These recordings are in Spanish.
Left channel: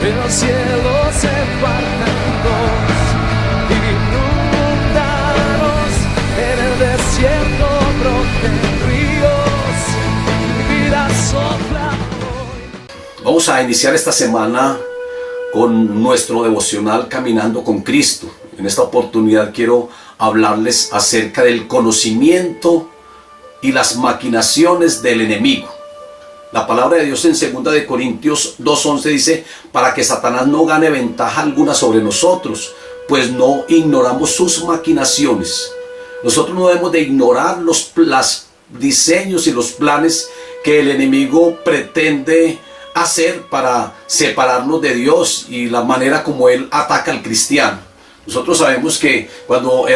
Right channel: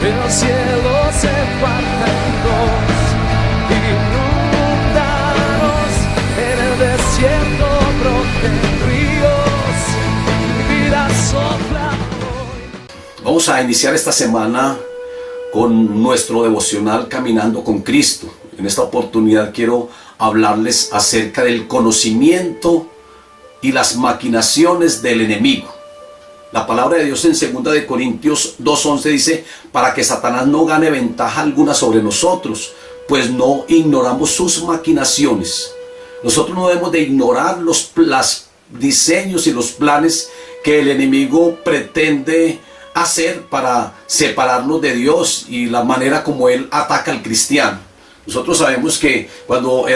el cielo se parte en dos, inundados en el desierto broten ríos, mi vida sopla hoy. Vamos a iniciar esta semana con nuestro devocional Caminando con Cristo. En esta oportunidad quiero hablarles acerca del conocimiento y las maquinaciones del enemigo. La palabra de Dios en 2 de Corintios 2:11 dice: para que Satanás no gane ventaja alguna sobre nosotros, pues no ignoramos sus maquinaciones. Nosotros no debemos de ignorar los diseños y los planes que el enemigo pretende hacer para separarnos de Dios y la manera como él ataca al cristiano. Nosotros sabemos que cuando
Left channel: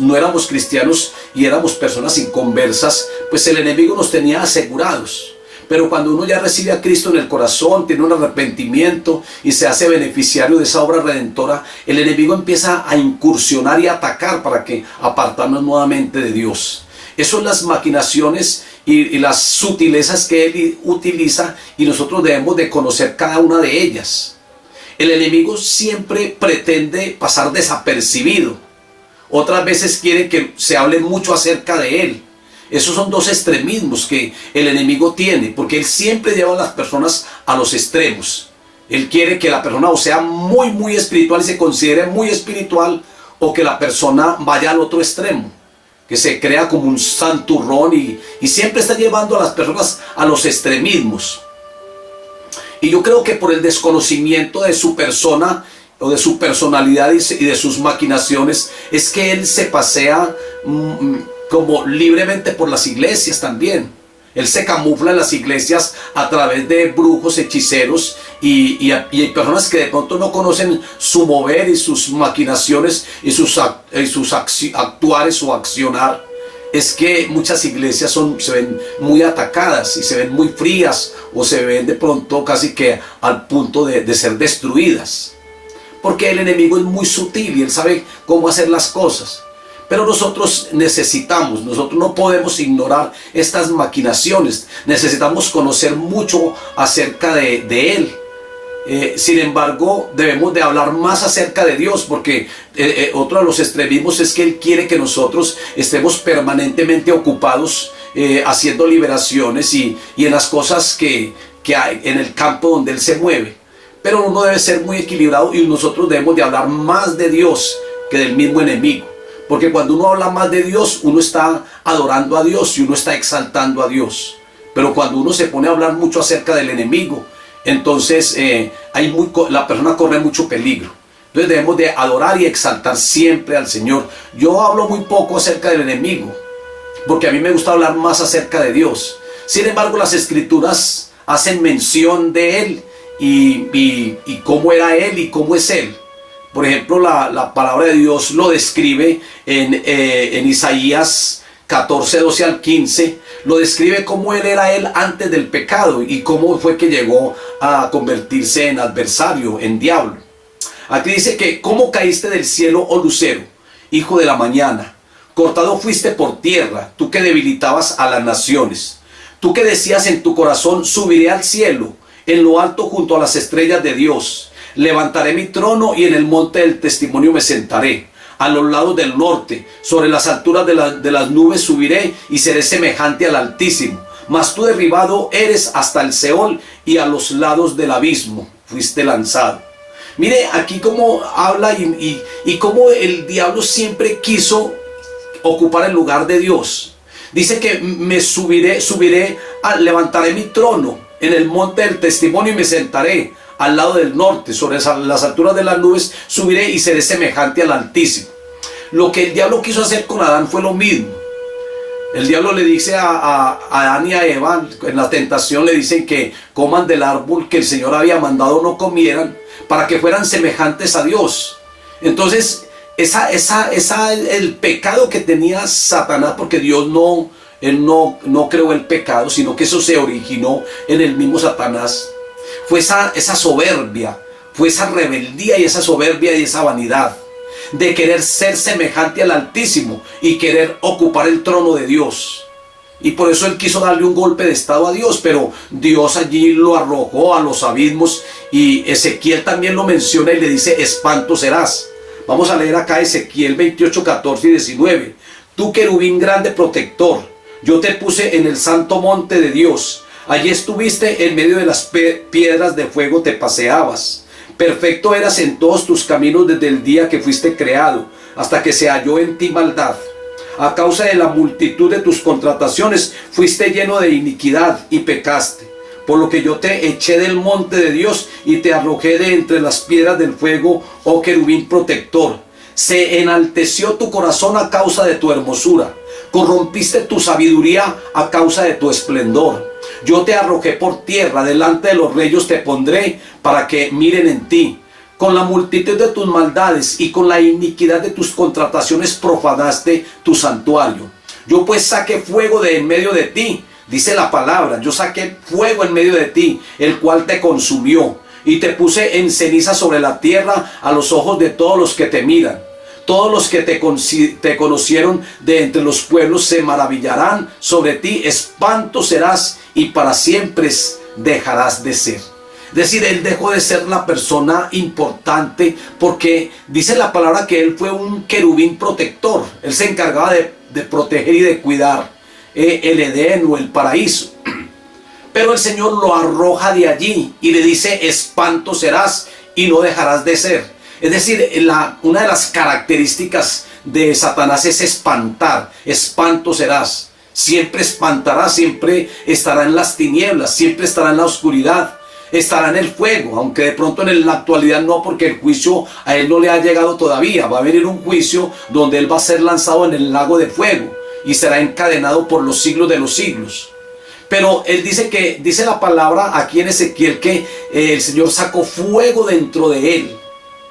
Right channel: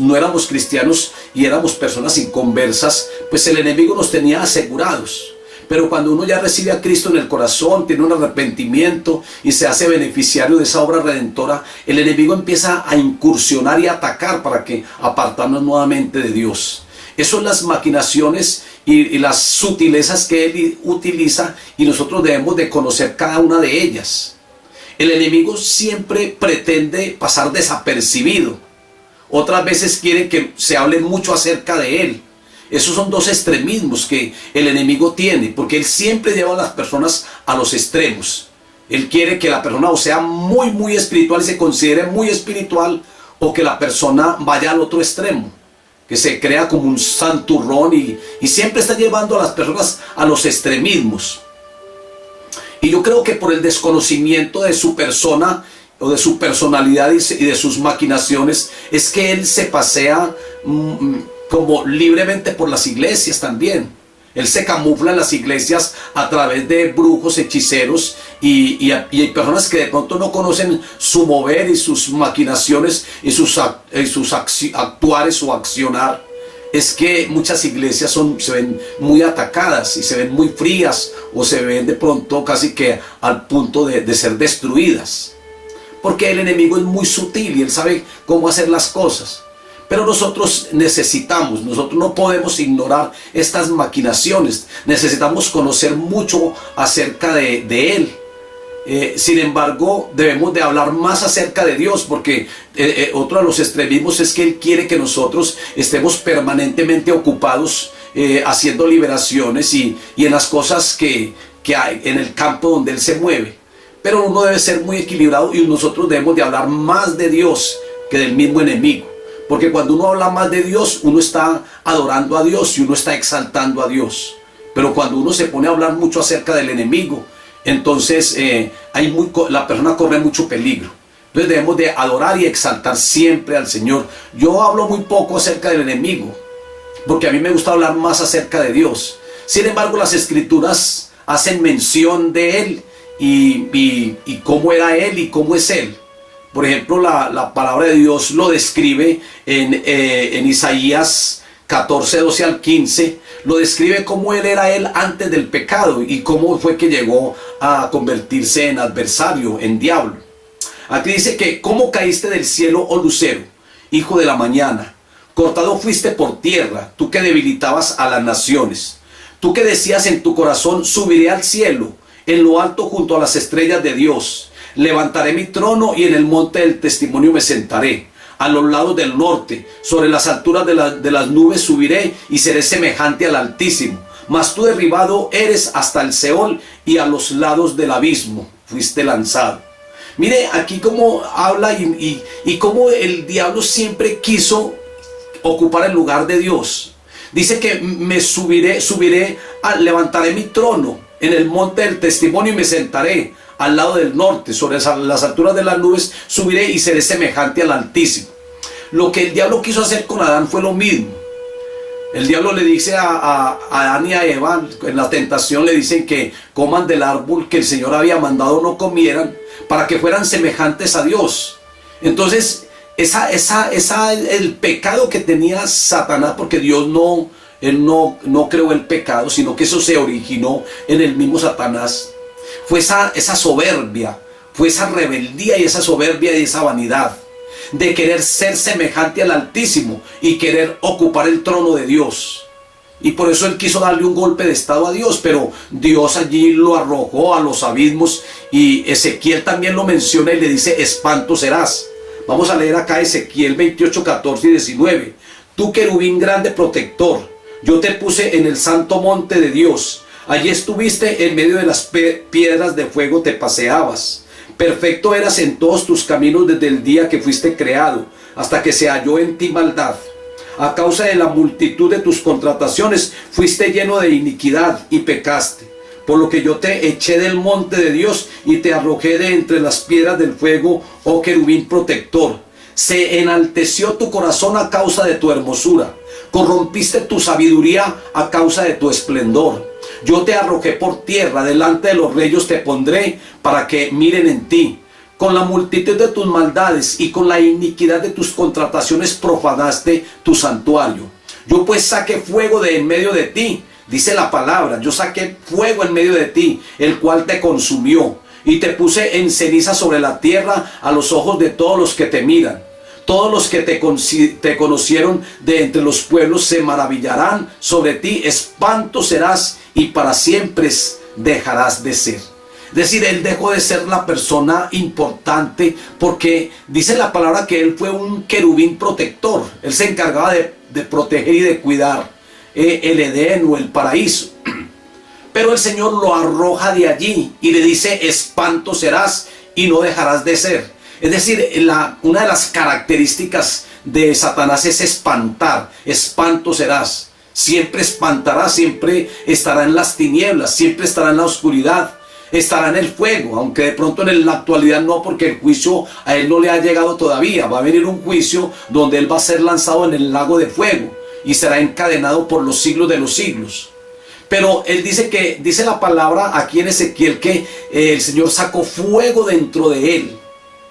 no éramos cristianos y éramos personas inconversas, pues el enemigo nos tenía asegurados. Pero cuando uno ya recibe a Cristo en el corazón, tiene un arrepentimiento y se hace beneficiario de esa obra redentora, el enemigo empieza a incursionar y a atacar para que apartarnos nuevamente de Dios. Esas son las maquinaciones y las sutilezas que él utiliza, y nosotros debemos de conocer cada una de ellas. El enemigo siempre pretende pasar desapercibido. Otras veces quiere que se hable mucho acerca de él. Esos son dos extremismos que el enemigo tiene, porque él siempre lleva a las personas a los extremos. Él quiere que la persona o sea muy espiritual y se considere muy espiritual, o que la persona vaya al otro extremo, que se crea como un santurrón y siempre está llevando a las personas a los extremismos. Y yo creo que por el desconocimiento de su persona o de su personalidad y de sus maquinaciones es que él se pasea como libremente por las iglesias también. Él se camufla en las iglesias a través de brujos, hechiceros y hay personas que de pronto no conocen su mover y sus maquinaciones y sus actuares o accionar. Es que muchas iglesias se ven muy atacadas y se ven muy frías, o se ven de pronto casi que al punto de ser destruidas. Porque el enemigo es muy sutil y él sabe cómo hacer las cosas. Pero nosotros no podemos ignorar estas maquinaciones. Necesitamos conocer mucho acerca de él. Sin embargo, debemos de hablar más acerca de Dios, porque otro de los extremismos es que él quiere que nosotros estemos permanentemente ocupados haciendo liberaciones y en las cosas que hay en el campo donde él se mueve. Pero uno debe ser muy equilibrado y nosotros debemos de hablar más de Dios que del mismo enemigo. Porque cuando uno habla más de Dios, uno está adorando a Dios y uno está exaltando a Dios. Pero cuando uno se pone a hablar mucho acerca del enemigo, entonces la persona corre mucho peligro. Entonces debemos de adorar y exaltar siempre al Señor. Yo hablo muy poco acerca del enemigo, porque a mí me gusta hablar más acerca de Dios. Sin embargo, las Escrituras hacen mención de Él y cómo era Él y cómo es Él. Por ejemplo, la palabra de Dios lo describe en Isaías 14, 12 al 15, lo describe cómo él antes del pecado y cómo fue que llegó a convertirse en adversario, en diablo. Aquí dice que: ¿cómo caíste del cielo, oh lucero, hijo de la mañana? Cortado fuiste por tierra, tú que debilitabas a las naciones. Tú que decías en tu corazón: subiré al cielo, en lo alto junto a las estrellas de Dios. Levantaré mi trono y en el monte del testimonio me sentaré. A los lados del norte, sobre las alturas de las nubes subiré y seré semejante al Altísimo. Mas tú derribado eres hasta el Seol, y a los lados del abismo fuiste lanzado. Mire aquí cómo habla y cómo el diablo siempre quiso ocupar el lugar de Dios. Dice que levantaré mi trono en el monte del testimonio y me sentaré al lado del norte, sobre las alturas de las nubes subiré y seré semejante al Altísimo. Lo que el diablo quiso hacer con Adán fue lo mismo. El diablo le dice a Adán y a Eva, en la tentación le dicen que coman del árbol que el Señor había mandado no comieran, para que fueran semejantes a Dios. Entonces, el pecado que tenía Satanás, porque Dios él no creó el pecado, sino que eso se originó en el mismo Satanás. Fue esa soberbia, fue esa rebeldía y esa soberbia y esa vanidad de querer ser semejante al Altísimo y querer ocupar el trono de Dios. Y por eso él quiso darle un golpe de estado a Dios, pero Dios allí lo arrojó a los abismos, y Ezequiel también lo menciona y le dice: espanto serás. Vamos a leer acá Ezequiel 28, 14 y 19. Tú, querubín grande protector, yo te puse en el santo monte de Dios. Allí estuviste en medio de las piedras de fuego, te paseabas. Perfecto eras en todos tus caminos desde el día que fuiste creado, hasta que se halló en ti maldad. A causa de la multitud de tus contrataciones, fuiste lleno de iniquidad y pecaste. Por lo que yo te eché del monte de Dios y te arrojé de entre las piedras del fuego, oh querubín protector. Se enalteció tu corazón a causa de tu hermosura. Corrompiste tu sabiduría a causa de tu esplendor. Yo te arrojé por tierra, delante de los reyes te pondré para que miren en ti. Con la multitud de tus maldades y con la iniquidad de tus contrataciones profanaste tu santuario. Yo pues saqué fuego de en medio de ti, dice la palabra. Yo saqué fuego en medio de ti, el cual te consumió. Y te puse en ceniza sobre la tierra a los ojos de todos los que te miran. Todos los que te conocieron de entre los pueblos se maravillarán sobre ti. Espanto serás y para siempre dejarás de ser. Es decir, él dejó de ser la persona importante, porque dice la palabra que él fue un querubín protector. Él se encargaba de proteger y de cuidar el Edén o el paraíso. Pero el Señor lo arroja de allí y le dice: espanto serás y no dejarás de ser. Es decir, una de las características de Satanás es espantar. Espanto serás. Siempre espantará, siempre estará en las tinieblas, siempre estará en la oscuridad, estará en el fuego, aunque de pronto en la actualidad no, porque el juicio a él no le ha llegado todavía. Va a venir un juicio donde él va a ser lanzado en el lago de fuego y será encadenado por los siglos de los siglos. Pero él dice la palabra aquí en Ezequiel que el Señor sacó fuego dentro de él.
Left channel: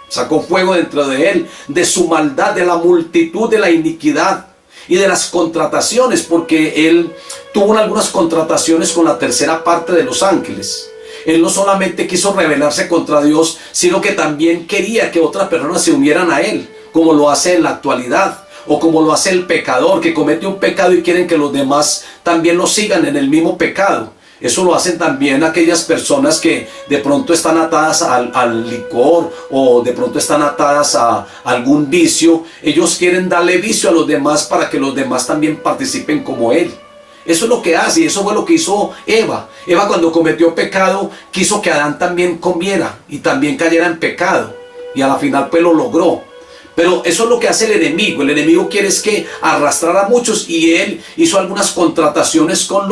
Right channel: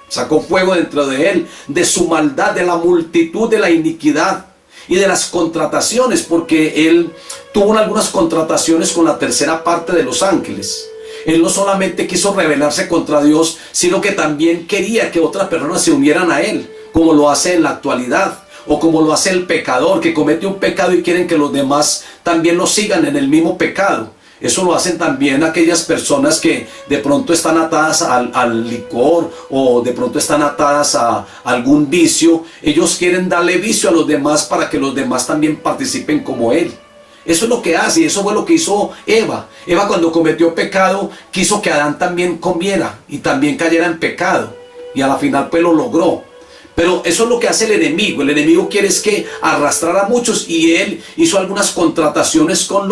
Sacó fuego dentro de él, de su maldad, de la multitud de la iniquidad y de las contrataciones, porque él tuvo algunas contrataciones con la tercera parte de los ángeles. Él no solamente quiso rebelarse contra Dios, sino que también quería que otras personas se unieran a él, como lo hace en la actualidad. O como lo hace el pecador, que comete un pecado y quieren que los demás también lo sigan en el mismo pecado. Eso lo hacen también aquellas personas que de pronto están atadas al licor, o de pronto están atadas a algún vicio. Ellos quieren darle vicio a los demás para que los demás también participen como él. Eso es lo que hace, y eso fue lo que hizo Eva. Eva, cuando cometió pecado, quiso que Adán también comiera y también cayera en pecado. Y a la final pues lo logró. Pero eso es lo que hace el enemigo. El enemigo quiere es que arrastrar a muchos, y él hizo algunas contrataciones con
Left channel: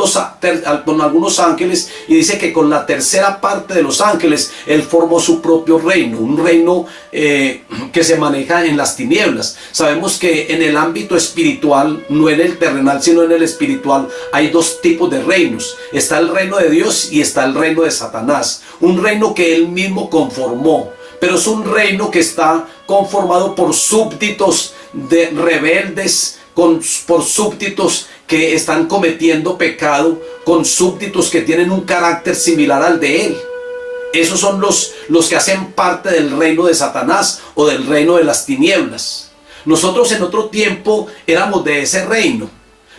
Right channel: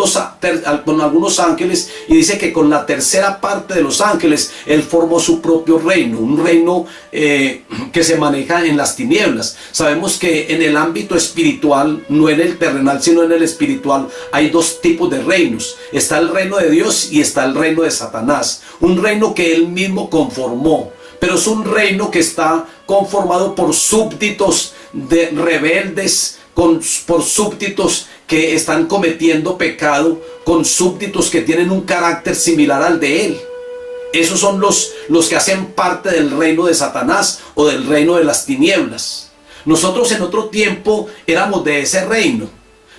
algunos ángeles, y dice que con la tercera parte de los ángeles él formó su propio reino, un reino que se maneja en las tinieblas. Sabemos que en el ámbito espiritual, no en el terrenal sino en el espiritual, hay dos tipos de reinos. Está el reino de Dios y está el reino de Satanás, un reino que él mismo conformó. Pero es un reino que está conformado por súbditos de rebeldes, por súbditos que están cometiendo pecado, con súbditos que tienen un carácter similar al de él. Esos son los que hacen parte del reino de Satanás o del reino de las tinieblas. Nosotros en otro tiempo éramos de ese reino.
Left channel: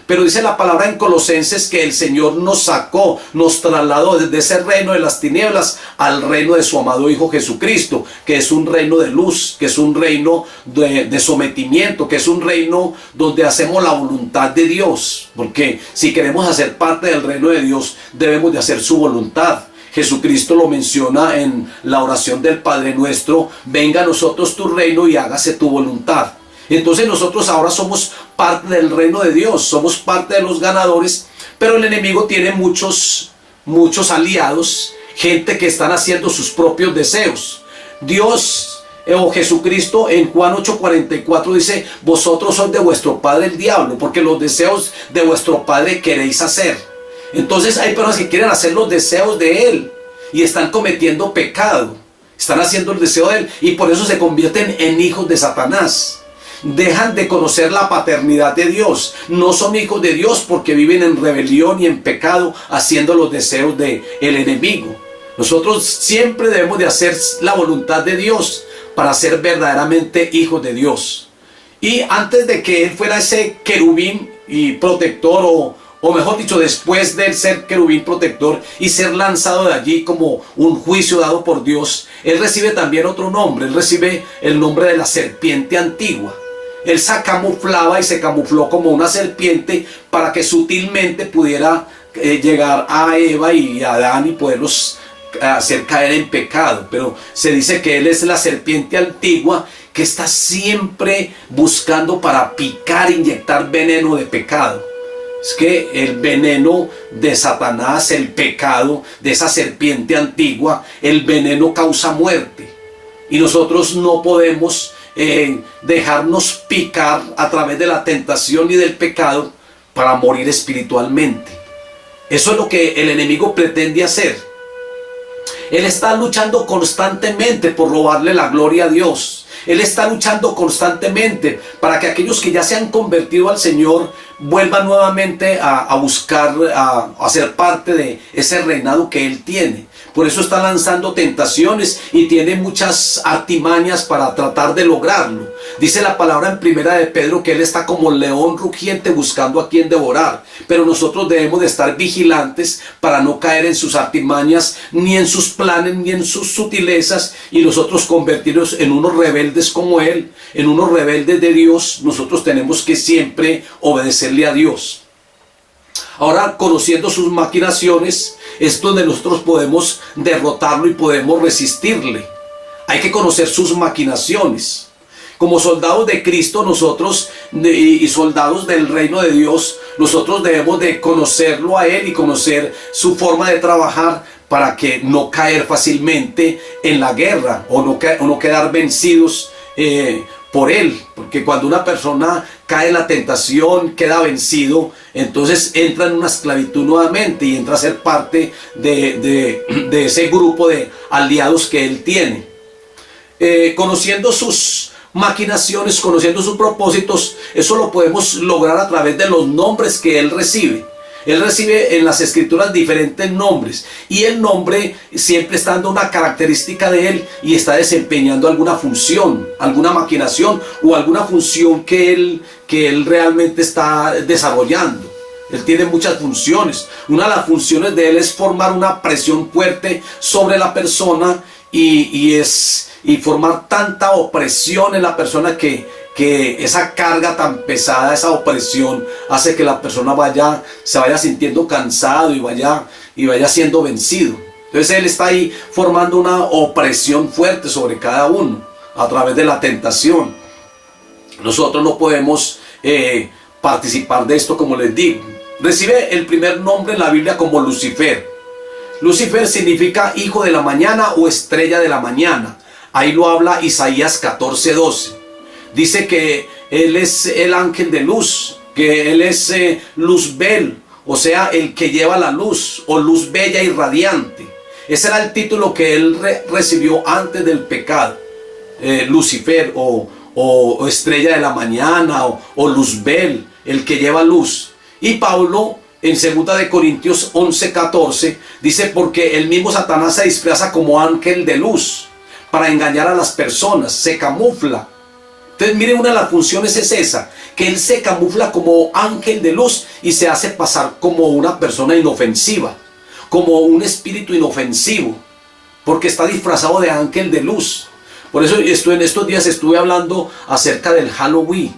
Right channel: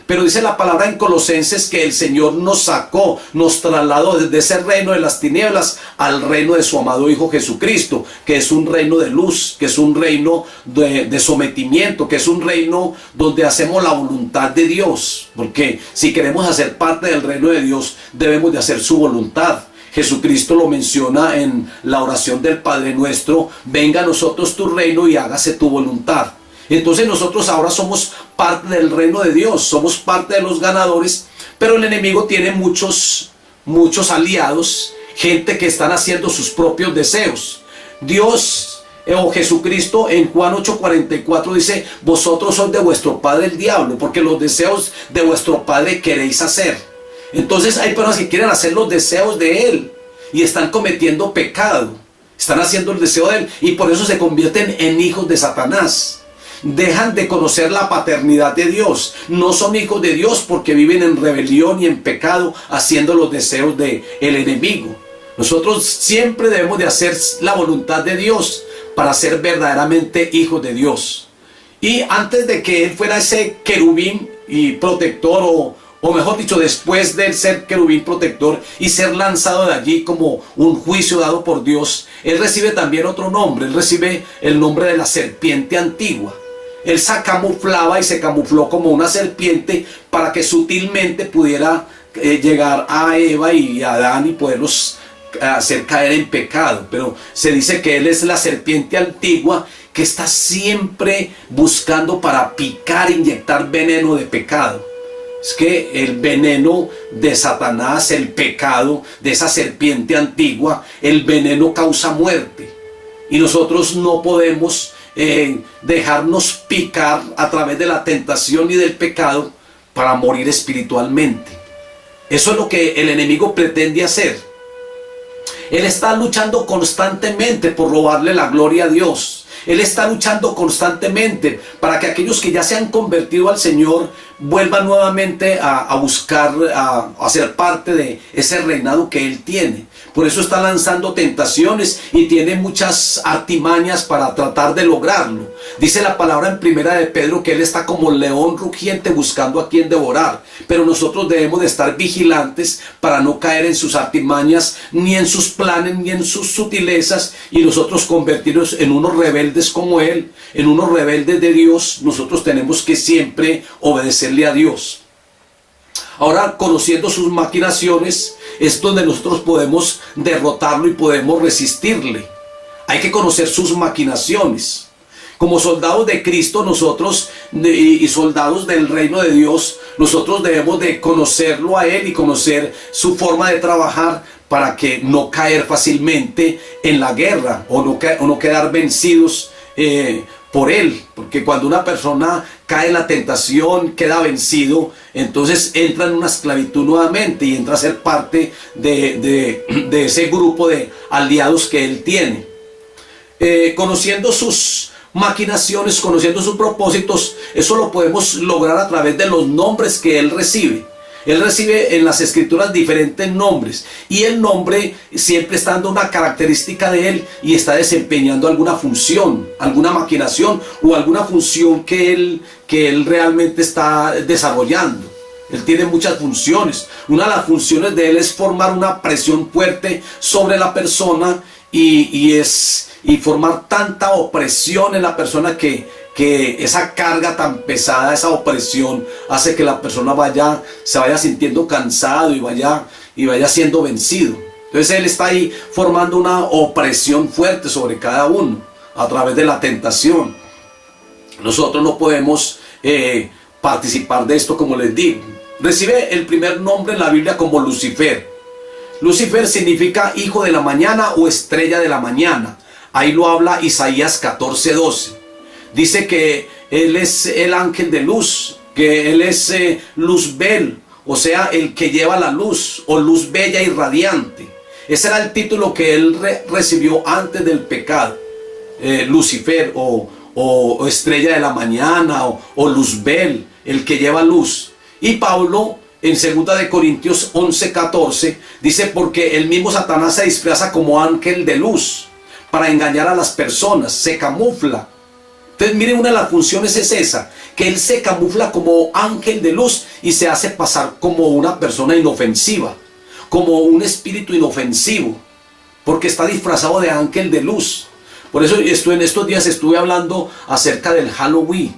Pero dice la palabra en Colosenses que el Señor nos sacó, nos trasladó desde ese reino de las tinieblas al reino de su amado Hijo Jesucristo, que es un reino de luz, que es un reino de sometimiento, que es un reino donde hacemos la voluntad de Dios. Porque si queremos hacer parte del reino de Dios, debemos de hacer su voluntad. Jesucristo lo menciona en la oración del Padre Nuestro: venga a nosotros tu reino y hágase tu voluntad. Entonces nosotros ahora somos parte del reino de Dios, somos parte de los ganadores, pero el enemigo tiene muchos aliados, gente que están haciendo sus propios deseos. Dios o Jesucristo en Juan 8:44 dice: vosotros sois de vuestro padre el diablo, porque los deseos de vuestro padre queréis hacer. Entonces hay personas que quieren hacer los deseos de él y están cometiendo pecado, están haciendo el deseo de él, y por eso se convierten en hijos de Satanás. Dejan de conocer la paternidad de Dios. No son hijos de Dios porque viven en rebelión y en pecado, haciendo los deseos del enemigo. Nosotros siempre debemos de hacer la voluntad de Dios para ser verdaderamente hijos de Dios. Y antes de que él fuera ese querubín y protector o mejor dicho, después de ser querubín protector y ser lanzado de allí como un juicio dado por Dios, él recibe también otro nombre. Él recibe el nombre de la serpiente antigua. Él se camuflaba y se camufló como una serpiente para que sutilmente pudiera llegar a Eva y a Adán y poderlos hacer caer en pecado. Pero se dice que él es la serpiente antigua que está siempre buscando para picar, inyectar veneno de pecado. Es que el veneno de Satanás, el pecado de esa serpiente antigua, el veneno causa muerte. Y nosotros no podemos dejarnos picar a través de la tentación y del pecado para morir espiritualmente. Eso es lo que el enemigo pretende hacer. Él está luchando constantemente por robarle la gloria a Dios. Él está luchando constantemente para que aquellos que ya se han convertido al Señor vuelvan nuevamente a buscar, a ser parte de ese reinado que Él tiene. Por eso está lanzando tentaciones y tiene muchas artimañas para tratar de lograrlo. Dice la palabra en Primera de Pedro que Él está como león rugiente buscando a quien devorar. Pero nosotros debemos de estar vigilantes para no caer en sus artimañas, ni en sus planes, ni en sus sutilezas, y nosotros convertirnos en unos rebeldes como Él, en unos rebeldes de Dios. Nosotros tenemos que siempre obedecerle a Dios. Ahora, conociendo sus maquinaciones, es donde nosotros podemos derrotarlo y podemos resistirle. Hay que conocer sus maquinaciones. Como soldados de Cristo, nosotros y soldados del reino de Dios, nosotros debemos de conocerlo a Él y conocer su forma de trabajar para que no caer fácilmente en la guerra o no quedar vencidos por Él. Porque cuando una persona cae en la tentación, queda vencido, entonces entra en una esclavitud nuevamente y entra a ser parte de ese grupo de aliados que Él tiene. Conociendo sus maquinaciones, conociendo sus propósitos, eso lo podemos lograr a través de los nombres que Él recibe. Él recibe en las escrituras diferentes nombres, y el nombre siempre está dando una característica de Él y está desempeñando alguna función, alguna maquinación o alguna función que él realmente está desarrollando. Él tiene muchas funciones. Una de las funciones de Él es formar una presión fuerte sobre la persona y formar tanta opresión en la persona que esa carga tan pesada, esa opresión, hace que la persona se vaya sintiendo cansado y vaya siendo vencido. Entonces Él está ahí formando una opresión fuerte sobre cada uno a través de la tentación. Nosotros no podemos participar de esto, como les digo. Recibe el primer nombre en la Biblia como Lucifer. Lucifer significa hijo de la mañana o estrella de la mañana. Ahí lo habla Isaías 14:12. Dice que Él es el ángel de luz, que Él es Luzbel, o sea, el que lleva la luz, o luz bella y radiante. Ese era el título que Él recibió antes del pecado. Lucifer, o estrella de la mañana, o Luzbel, el que lleva luz. Y Pablo, en 2 de Corintios 11:14, dice: porque el mismo Satanás se disfraza como ángel de luz para engañar a las personas, se camufla. Entonces, miren, una de las funciones es esa, que él se camufla como ángel de luz y se hace pasar como una persona inofensiva, como un espíritu inofensivo, porque está disfrazado de ángel de luz. Por eso en estos días estuve hablando acerca del Halloween,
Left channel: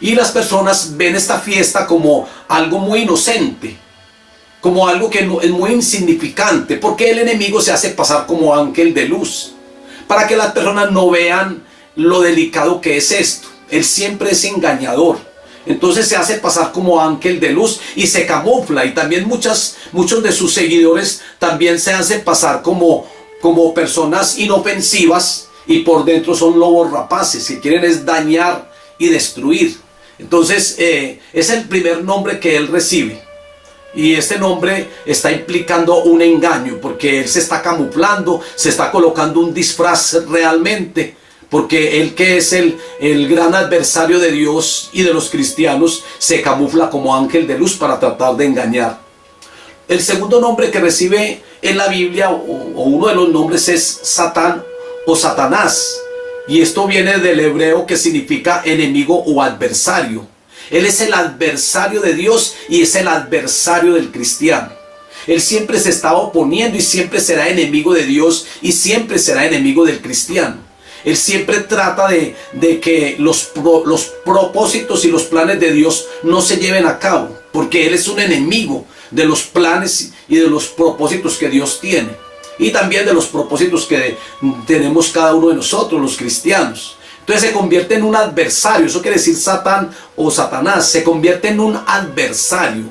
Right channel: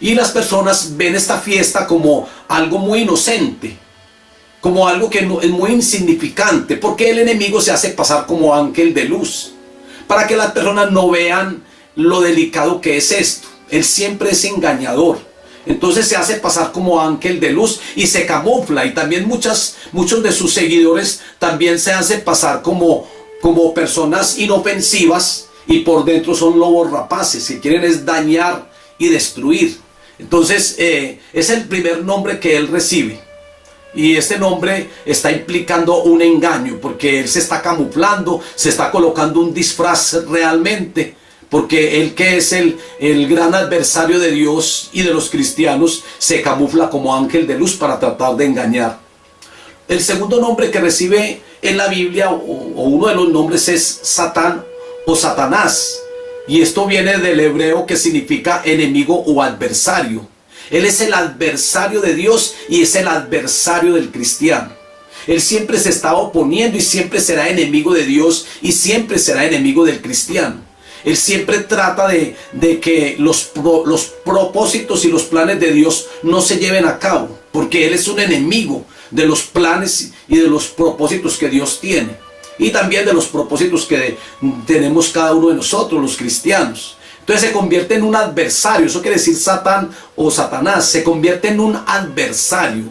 y las personas ven esta fiesta como algo muy inocente, como algo que es muy insignificante, porque el enemigo se hace pasar como ángel de luz, para que las personas no vean lo delicado que es esto. Él siempre es engañador. Entonces se hace pasar como ángel de luz y se camufla. Y también muchos de sus seguidores también se hacen pasar como personas inofensivas, y por dentro son lobos rapaces que quieren es dañar y destruir. Entonces es el primer nombre que él recibe. Y este nombre está implicando un engaño, porque él se está camuflando, se está colocando un disfraz realmente, porque él, que es el gran adversario de Dios y de los cristianos, se camufla como ángel de luz para tratar de engañar. El segundo nombre que recibe en la Biblia, o uno de los nombres, es Satán o Satanás. Y esto viene del hebreo, que significa enemigo o adversario. Él es el adversario de Dios y es el adversario del cristiano. Él siempre se está oponiendo y siempre será enemigo de Dios y siempre será enemigo del cristiano. Él siempre trata de que los propósitos y los planes de Dios no se lleven a cabo, porque Él es un enemigo de los planes y de los propósitos que Dios tiene, y también de los propósitos que tenemos cada uno de nosotros, los cristianos. Entonces se convierte en un adversario. Eso quiere decir Satán o Satanás, se convierte en un adversario.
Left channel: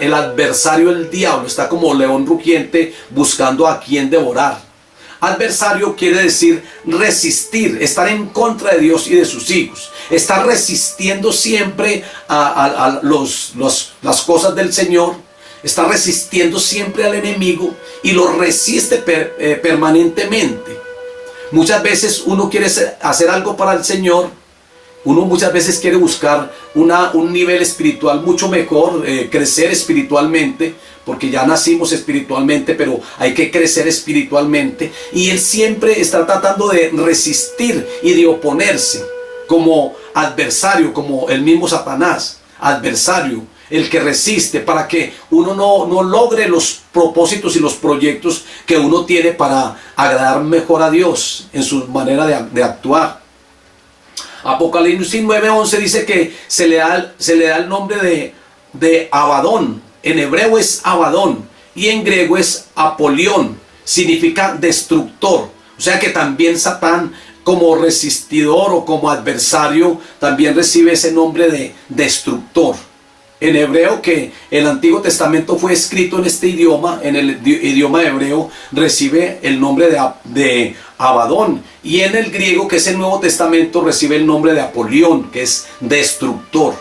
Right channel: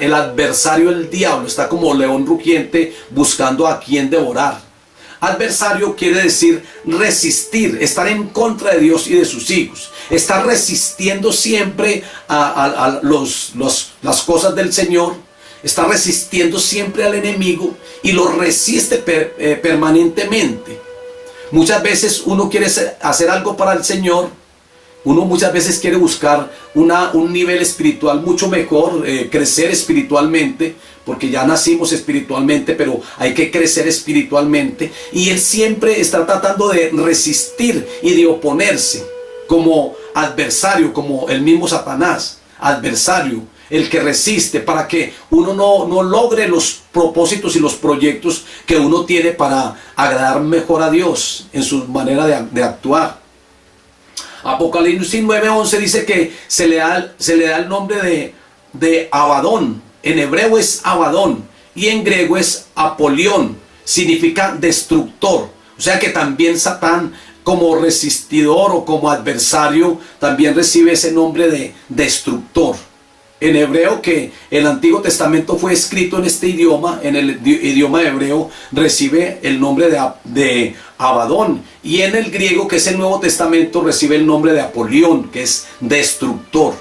El adversario, el diablo, está como león rugiente buscando a quien devorar. Adversario quiere decir resistir, estar en contra de Dios y de sus hijos. Estar resistiendo siempre a las cosas del Señor. Está resistiendo siempre al enemigo y lo resiste permanentemente. Muchas veces uno quiere hacer algo para el Señor. Uno muchas veces quiere buscar un nivel espiritual mucho mejor, crecer espiritualmente, porque ya nacimos espiritualmente, pero hay que crecer espiritualmente. Y él siempre está tratando de resistir y de oponerse como adversario, como el mismo Satanás, adversario, el que resiste para que uno no logre los propósitos y los proyectos que uno tiene para agradar mejor a Dios en su manera de actuar. Apocalipsis 9:11 dice que se le da el nombre de Abadón. En hebreo es Abadón y en griego es Apolión. Significa destructor. O sea que también Satán, como resistidor o como adversario, también recibe ese nombre de destructor. En hebreo, que el Antiguo Testamento fue escrito en este idioma, en el idioma hebreo, recibe el nombre de Abadón. Y en el griego, que es el Nuevo Testamento, recibe el nombre de Apolión, que es destructor.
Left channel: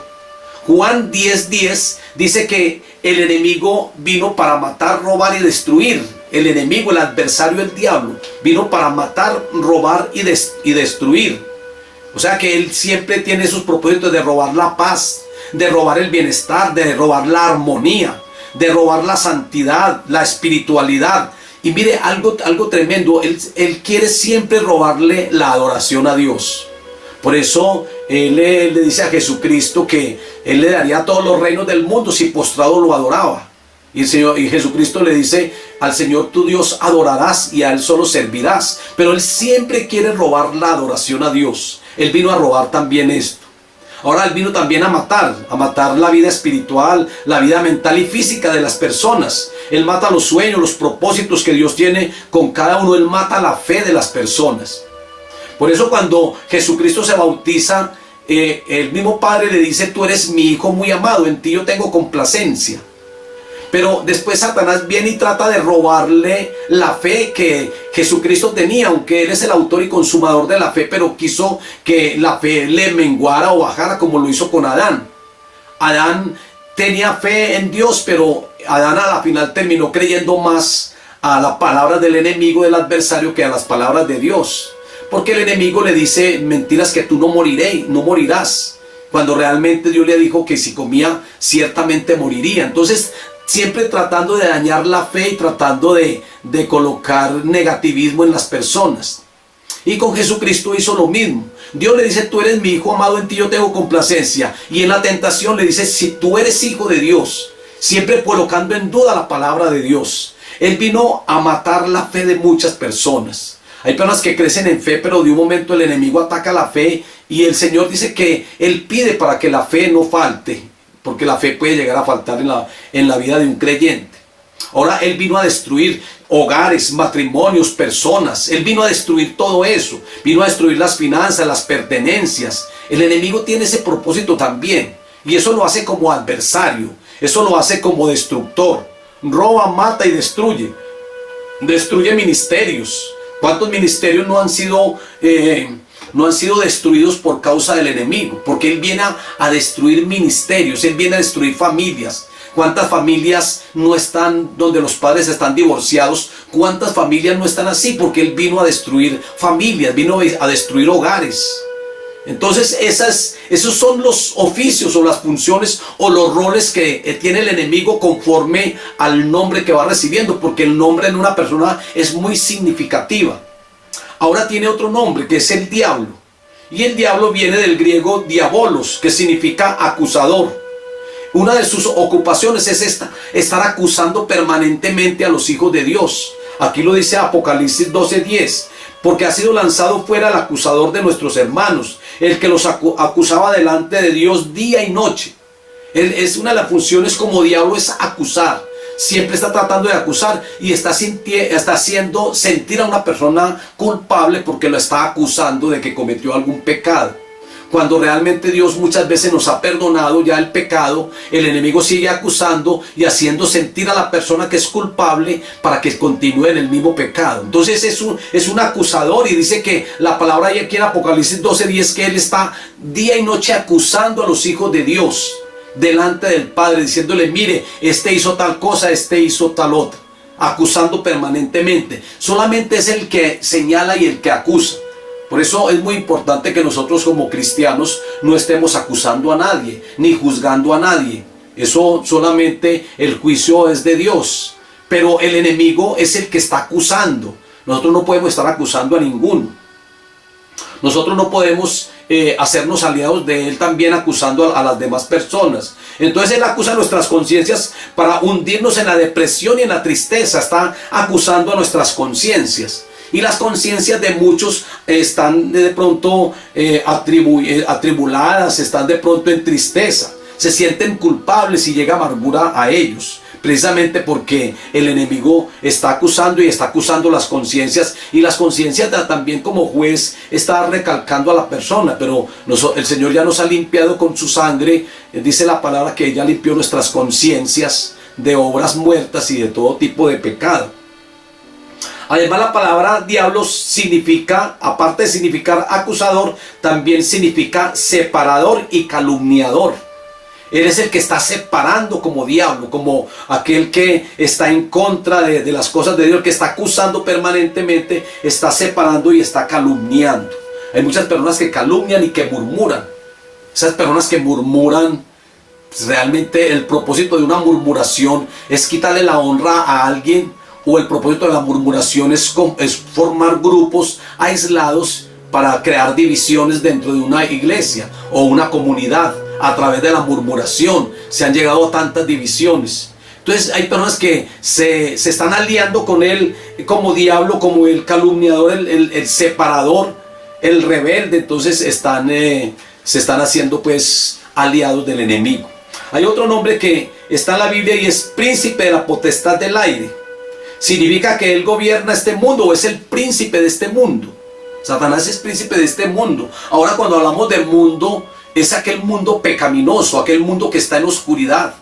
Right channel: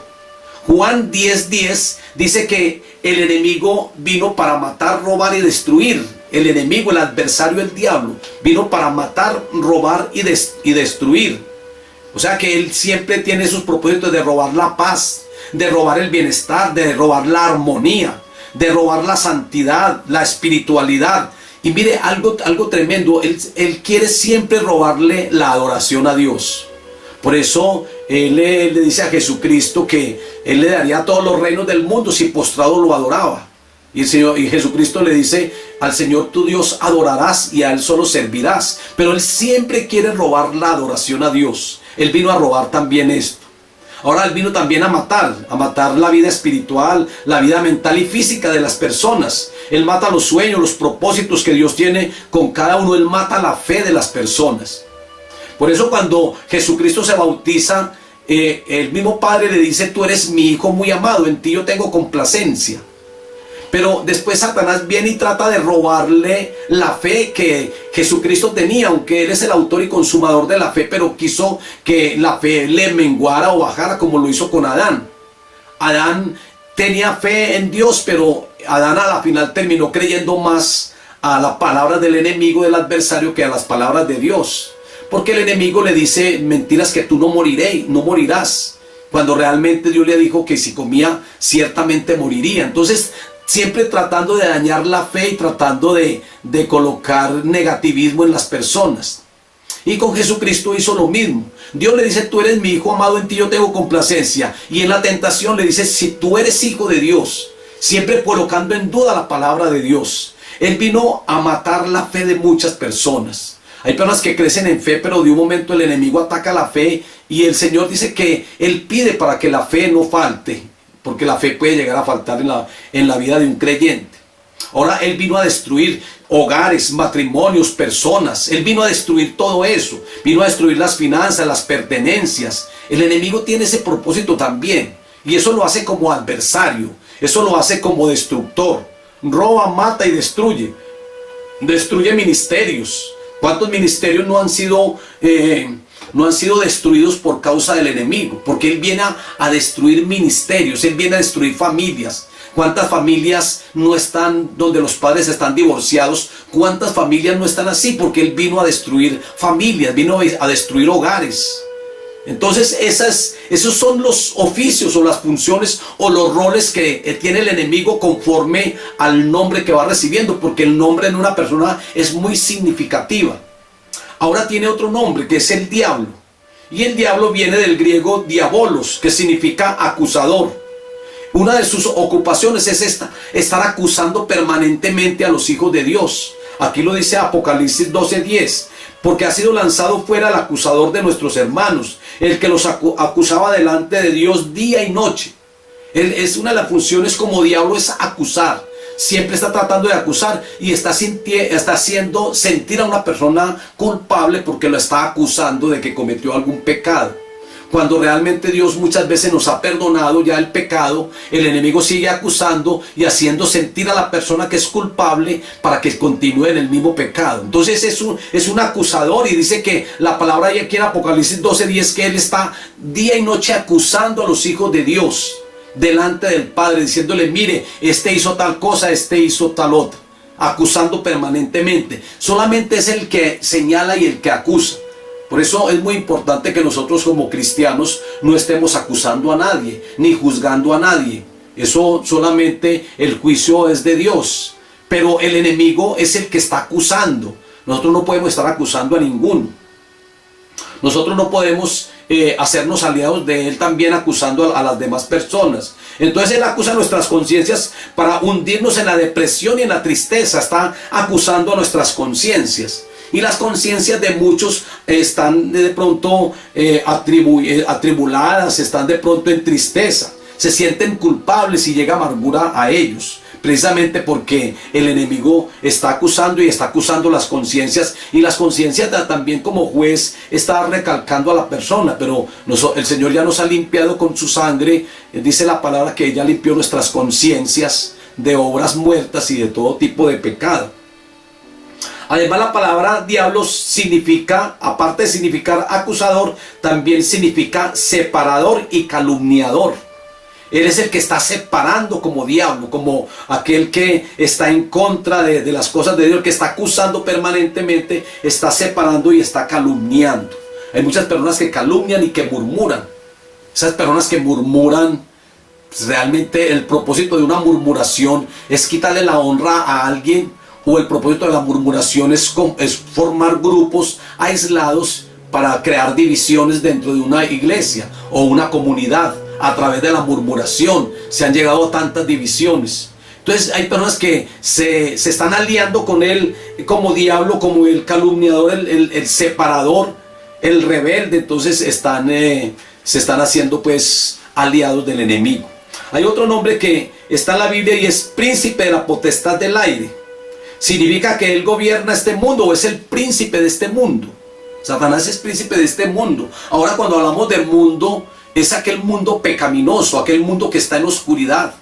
Juan 10:10 dice que el enemigo vino para matar, robar y destruir. El enemigo, el adversario, el diablo, vino para matar, robar y destruir. O sea que él siempre tiene sus propósitos de robar la paz, de robar el bienestar, de robar la armonía, de robar la santidad, la espiritualidad. Y mire, algo tremendo, él quiere siempre robarle la adoración a Dios. Por eso él le dice a Jesucristo que él le daría todos los reinos del mundo si postrado lo adoraba. Y Jesucristo le dice: al Señor tu Dios adorarás y a Él solo servirás. Pero él siempre quiere robar la adoración a Dios. Él vino a robar también esto. Ahora él vino también a matar la vida espiritual, la vida mental y física de las personas. Él mata los sueños, los propósitos que Dios tiene con cada uno. Él mata la fe de las personas. Por eso cuando Jesucristo se bautiza, el mismo Padre le dice: tú eres mi Hijo muy amado, en ti yo tengo complacencia. Pero después Satanás viene y trata de robarle la fe que Jesucristo tenía, aunque Él es el autor y consumador de la fe, pero quiso que la fe le menguara o bajara, como lo hizo con Adán. Adán tenía fe en Dios, pero Adán a la final terminó creyendo más a las palabras del enemigo, del adversario, que a las palabras de Dios. Porque el enemigo le dice mentiras, que tú no morirás, cuando realmente Dios le dijo que si comía ciertamente moriría. Entonces, siempre tratando de dañar la fe y tratando de colocar negativismo en las personas. Y con Jesucristo hizo lo mismo. Dios le dice: tú eres mi Hijo amado, en ti yo tengo complacencia. Y en la tentación le dice: si tú eres hijo de Dios, siempre colocando en duda la palabra de Dios. Él vino a matar la fe de muchas personas. Hay personas que crecen en fe, pero de un momento el enemigo ataca la fe y el Señor dice que Él pide para que la fe no falte, porque la fe puede llegar a faltar en la vida de un creyente. Ahora Él vino a destruir hogares, matrimonios, personas. Él vino a destruir todo eso. Vino a destruir las finanzas, las pertenencias. El enemigo tiene ese propósito también. Y eso lo hace como adversario. Eso lo hace como destructor. Roba, mata y destruye. Destruye ministerios. ¿Cuántos ministerios no han sido destruidos por causa del enemigo? Porque Él viene a destruir ministerios, Él viene a destruir familias. ¿Cuántas familias no están donde los padres están divorciados? ¿Cuántas familias no están así? Porque Él vino a destruir familias, vino a destruir hogares. Entonces esos son los oficios o las funciones o los roles que tiene el enemigo conforme al nombre que va recibiendo, porque el nombre en una persona es muy significativa. Ahora tiene otro nombre, que es el diablo. Y el diablo viene del griego diabolos, que significa acusador. Una de sus ocupaciones es estar acusando permanentemente a los hijos de Dios. Aquí lo dice Apocalipsis 12:10, porque ha sido lanzado fuera el acusador de nuestros hermanos, el que los acusaba delante de Dios día y noche. Es una de las funciones como diablo, es acusar. Siempre está tratando de acusar y está haciendo sentir a una persona culpable porque lo está acusando de que cometió algún pecado. Cuando realmente Dios muchas veces nos ha perdonado ya el pecado, el enemigo sigue acusando y haciendo sentir a la persona que es culpable para que continúe en el mismo pecado. Entonces es un acusador, y dice que la palabra ahí aquí en Apocalipsis 12:10 que él está día y noche acusando a los hijos de Dios delante del Padre, diciéndole: mire, este hizo tal cosa, este hizo tal otra, acusando permanentemente. Solamente es el que señala y el que acusa. Por eso es muy importante que nosotros como cristianos no estemos acusando a nadie, ni juzgando a nadie. Eso solamente el juicio es de Dios. Pero el enemigo es el que está acusando. Nosotros no podemos estar acusando a ninguno. Nosotros no podemos hacernos aliados de él también acusando a las demás personas. Entonces él acusa nuestras conciencias para hundirnos en la depresión y en la tristeza. Está acusando a nuestras conciencias. Y las conciencias de muchos están de pronto atribuladas, están de pronto en tristeza. Se sienten culpables y llega amargura a ellos. Precisamente porque el enemigo está acusando y está acusando las conciencias. Y las conciencias también como juez está recalcando a la persona. Pero el Señor ya nos ha limpiado con su sangre. Dice la palabra que ella limpió nuestras conciencias de obras muertas y de todo tipo de pecado. Además, la palabra diablo significa, aparte de significar acusador, también significa separador y calumniador. Él es el que está separando como diablo, como aquel que está en contra de las cosas de Dios, el que está acusando permanentemente, está separando y está calumniando. Hay muchas personas que calumnian y que murmuran. Esas personas que murmuran, pues realmente el propósito de una murmuración es quitarle la honra a alguien. O el propósito de la murmuración es formar grupos aislados para crear divisiones dentro de una iglesia o una comunidad. A través de la murmuración se han llegado a tantas divisiones. Entonces hay personas que se están aliando con él como diablo, como el calumniador, el separador, el rebelde. Entonces se están haciendo pues aliados del enemigo. Hay otro nombre que está en la Biblia y es príncipe de la potestad del aire. Significa que él gobierna este mundo, o es el príncipe de este mundo. Satanás es príncipe de este mundo. Ahora, cuando hablamos del mundo, es aquel mundo pecaminoso, aquel mundo que está en oscuridad.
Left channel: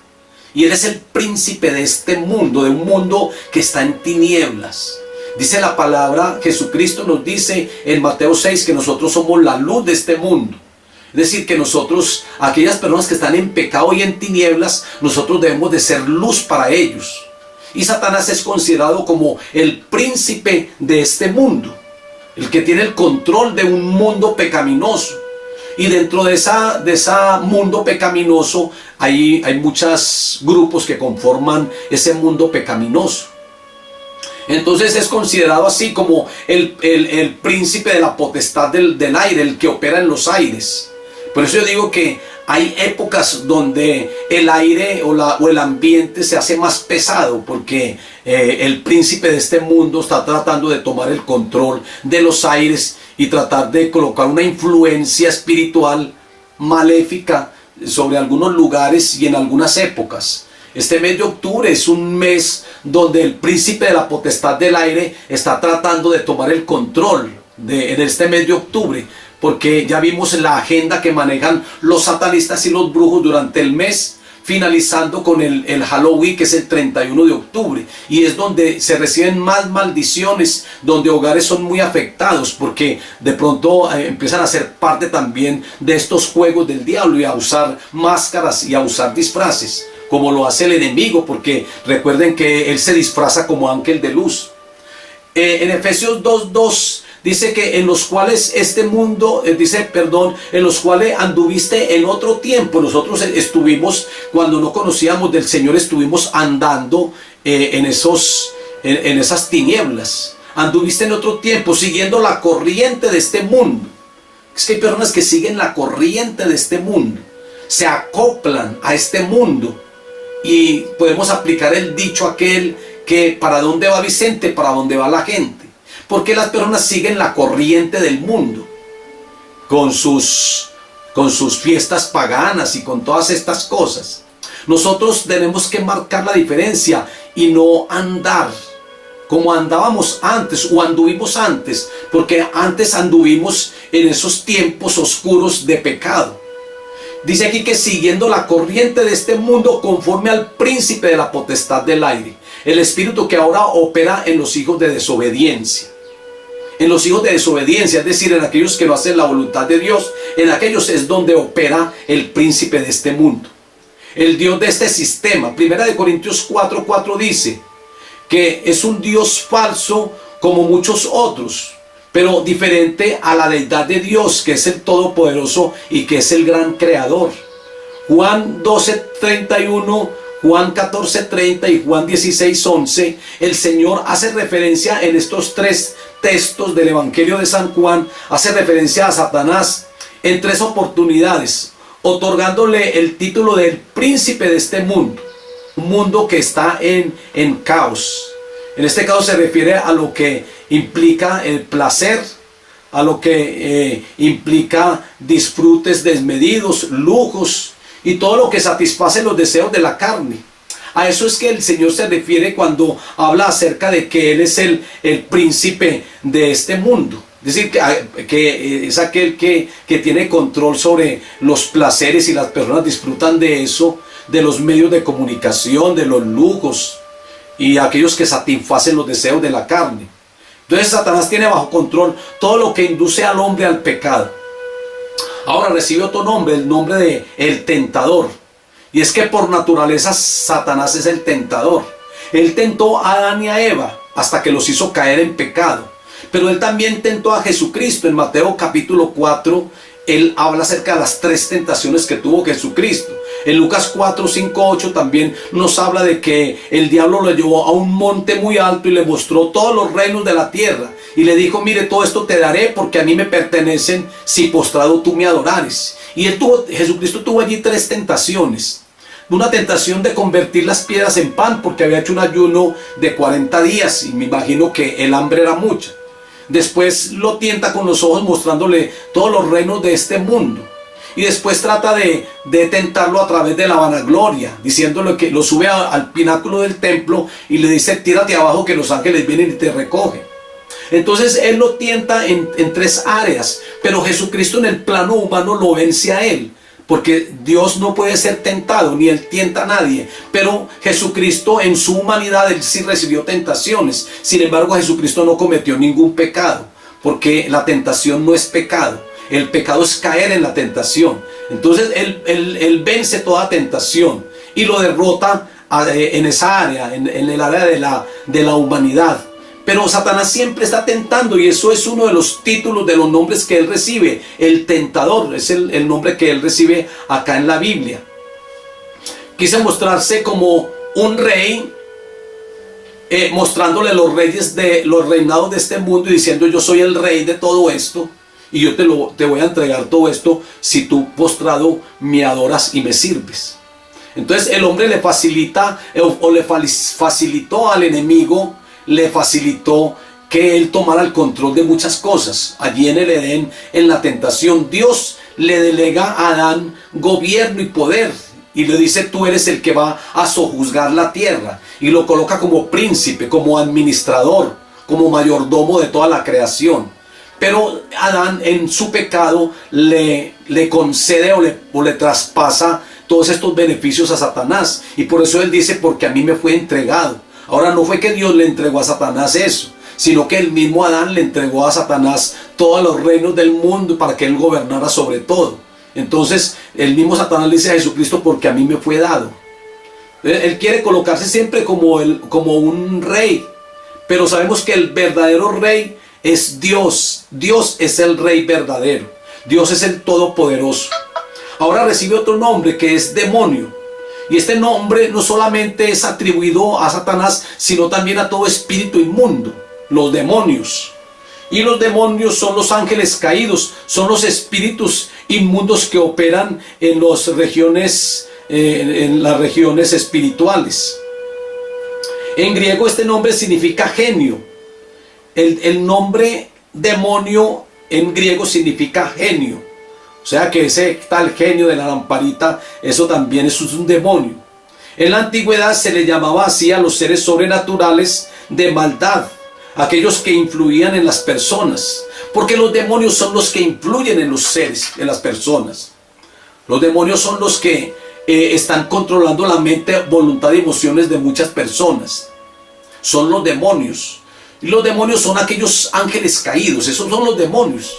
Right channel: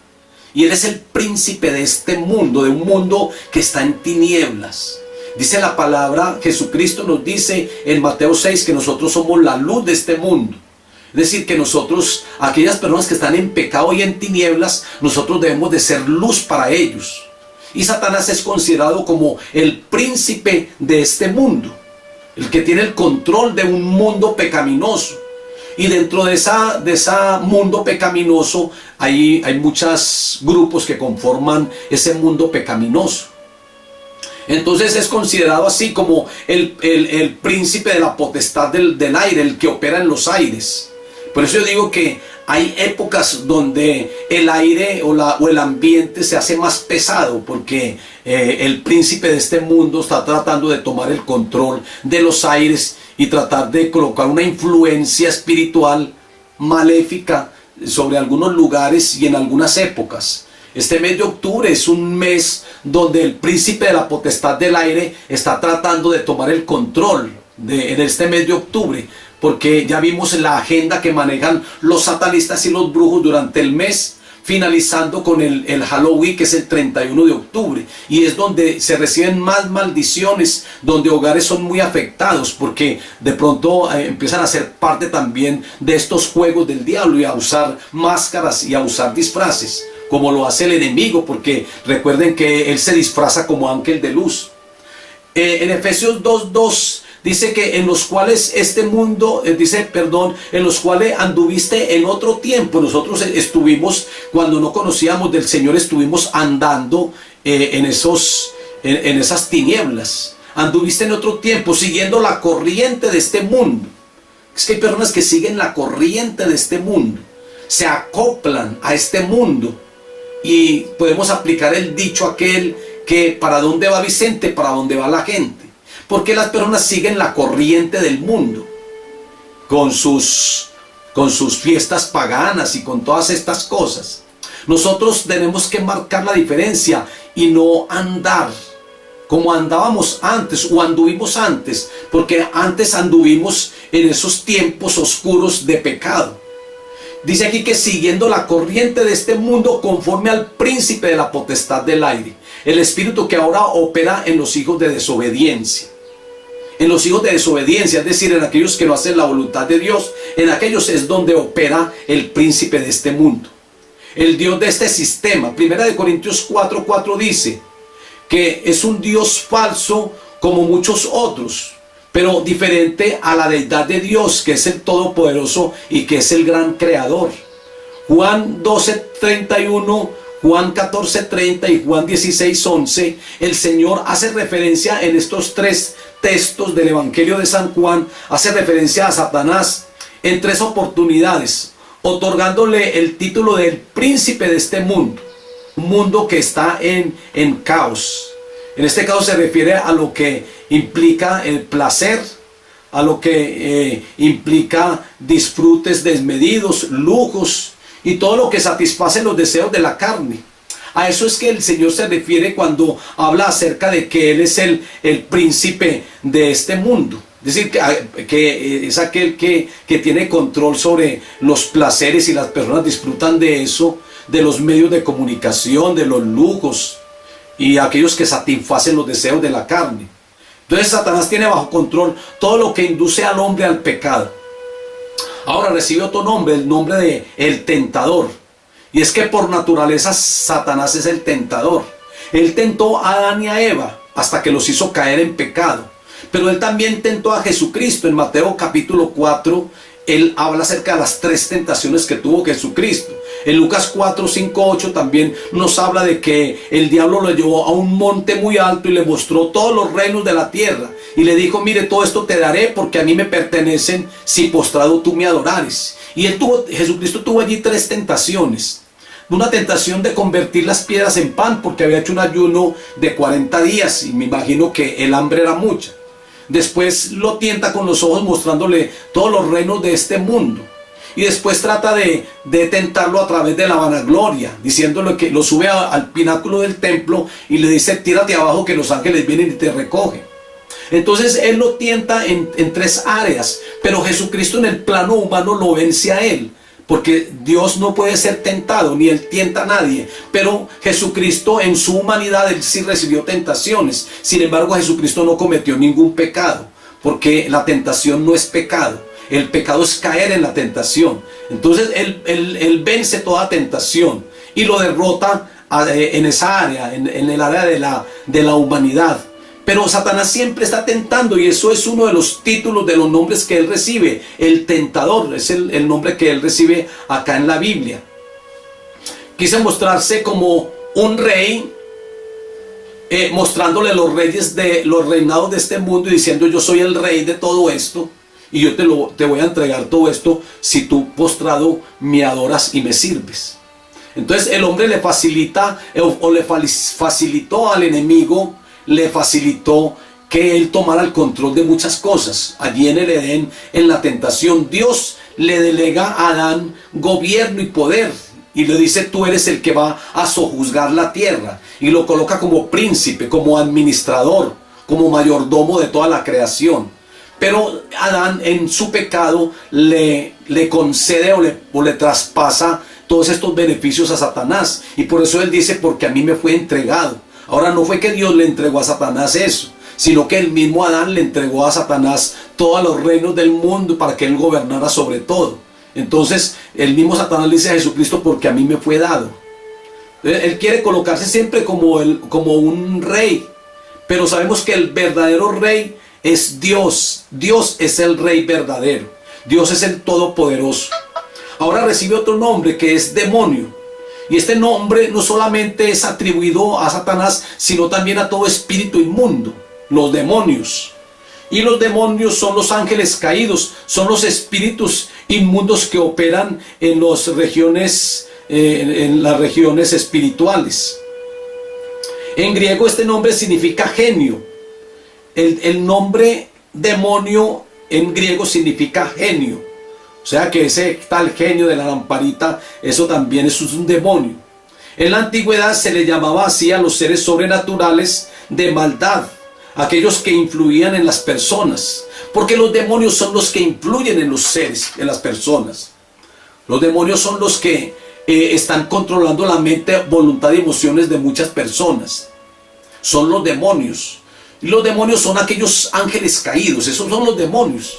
Y él es el príncipe de este mundo, de un mundo que está en tinieblas. Dice la palabra, Jesucristo nos dice en Mateo 6 que nosotros somos la luz de este mundo. Es decir, que nosotros, aquellas personas que están en pecado y en tinieblas, nosotros debemos de ser luz para ellos. Y Satanás es considerado como el príncipe de este mundo, el que tiene el control de un mundo pecaminoso. Y dentro de ese mundo pecaminoso hay muchos grupos que conforman ese mundo pecaminoso. Entonces es considerado así como el príncipe de la potestad del aire, el que opera en los aires. Por eso yo digo que hay épocas donde el aire o el ambiente se hace más pesado, porque el príncipe de este mundo está tratando de tomar el control de los aires y tratar de colocar una influencia espiritual maléfica sobre algunos lugares y en algunas épocas. Este mes de octubre es un mes donde el príncipe de la potestad del aire está tratando de tomar el control en este mes de octubre. Porque ya vimos la agenda que manejan los satanistas y los brujos durante el mes, finalizando con el Halloween, que es el 31 de octubre. Y es donde se reciben más maldiciones, donde hogares son muy afectados, porque de pronto empiezan a ser parte también de estos juegos del diablo y a usar máscaras y a usar disfraces, como lo hace el enemigo, porque recuerden que él se disfraza como ángel de luz. En Efesios 2:2 dice que en los cuales en los cuales anduviste en otro tiempo. Nosotros estuvimos, cuando no conocíamos del Señor, estuvimos andando en esas tinieblas. Anduviste en otro tiempo, siguiendo la corriente de este mundo. Es que hay personas que siguen la corriente de este mundo, se acoplan a este mundo, y podemos aplicar el dicho aquel que para dónde va Vicente, para dónde va la gente. Porque las personas siguen la corriente del mundo, con sus fiestas paganas y con todas estas cosas. Nosotros tenemos que marcar la diferencia y no andar como andábamos antes o anduvimos antes, porque antes anduvimos en esos tiempos oscuros de pecado. Dice aquí que siguiendo la corriente de este mundo conforme al príncipe de la potestad del aire, el espíritu que ahora opera en los hijos de desobediencia. En los hijos de desobediencia, es decir, en aquellos que no hacen la voluntad de Dios, en aquellos es donde opera el príncipe de este mundo, el Dios de este sistema. Primera de Corintios 4:4 dice que es un Dios falso como muchos otros, pero diferente a la deidad de Dios, que es el Todopoderoso y que es el gran creador. Juan 12:31, Juan 14:30 y Juan 16:11, el Señor hace referencia en estos tres textos del Evangelio de San Juan, hace referencia a Satanás en tres oportunidades, otorgándole el título del príncipe de este mundo. Un mundo que está en caos. En este caso se refiere a lo que implica el placer, a lo que implica disfrutes desmedidos, lujos y todo lo que satisface los deseos de la carne. A eso es que el Señor se refiere cuando habla acerca de que Él es el príncipe de este mundo. Es decir, que es aquel que tiene control sobre los placeres y las personas disfrutan de eso, de los medios de comunicación, de los lujos y aquellos que satisfacen los deseos de la carne. Entonces Satanás tiene bajo control todo lo que induce al hombre al pecado. Ahora recibe otro nombre, el nombre de el tentador. Y es que por naturaleza Satanás es el tentador. Él tentó a Adán y a Eva hasta que los hizo caer en pecado. Pero él también tentó a Jesucristo. En Mateo capítulo 4, él habla acerca de las tres tentaciones que tuvo Jesucristo. En Lucas 4, 5, 8 también nos habla de que el diablo lo llevó a un monte muy alto y le mostró todos los reinos de la tierra. Y le dijo, mire, todo esto te daré porque a mí me pertenecen si postrado tú me adorares. Y Jesucristo tuvo allí tres tentaciones. Una tentación de convertir las piedras en pan porque había hecho un ayuno de 40 días y me imagino que el hambre era mucha. Después lo tienta con los ojos mostrándole todos los reinos de este mundo. Y después trata de tentarlo a través de la vanagloria, diciéndole que lo sube al pináculo del templo y le dice, tírate abajo que los ángeles vienen y te recogen. Entonces él lo tienta en tres áreas, pero Jesucristo en el plano humano lo vence a él. Porque Dios no puede ser tentado, ni Él tienta a nadie. Pero Jesucristo en su humanidad, Él sí recibió tentaciones. Sin embargo, Jesucristo no cometió ningún pecado. Porque la tentación no es pecado. El pecado es caer en la tentación. Entonces, Él vence toda tentación. Y lo derrota en esa área, en el área de la humanidad. Pero Satanás siempre está tentando y eso es uno de los títulos de los nombres que él recibe. El tentador es el nombre que él recibe acá en la Biblia. Quise mostrarse como un rey, mostrándole los reyes de los reinados de este mundo y diciendo yo soy el rey de todo esto y yo te voy a entregar todo esto si tú postrado me adoras y me sirves. Entonces el hombre le facilita o le facilitó al enemigo, le facilitó que él tomara el control de muchas cosas. Allí en el Edén, en la tentación, Dios le delega a Adán gobierno y poder y le dice tú eres el que va a sojuzgar la tierra y lo coloca como príncipe, como administrador, como mayordomo de toda la creación. Pero Adán en su pecado le concede o le traspasa todos estos beneficios a Satanás y por eso él dice porque a mí me fue entregado. Ahora no fue que Dios le entregó a Satanás eso, sino que el mismo Adán le entregó a Satanás todos los reinos del mundo para que él gobernara sobre todo. Entonces el mismo Satanás le dice a Jesucristo porque a mí me fue dado. Él quiere colocarse siempre como un rey, pero sabemos que el verdadero rey es Dios. Dios es el rey verdadero. Dios es el todopoderoso. Ahora recibe otro nombre que es demonio. Y este nombre no solamente es atribuido a Satanás, sino también a todo espíritu inmundo, los demonios. Y los demonios son los ángeles caídos, son los espíritus inmundos que operan en las regiones espirituales. En griego este nombre significa genio. El nombre demonio en griego significa genio. O sea que ese tal genio de la lamparita, eso también es un demonio. En la antigüedad se le llamaba así a los seres sobrenaturales de maldad, aquellos que influían en las personas, porque los demonios son los que influyen en los seres, en las personas. Los demonios son los que están controlando la mente, voluntad y emociones de muchas personas. Son los demonios. Y los demonios son aquellos ángeles caídos, esos son los demonios.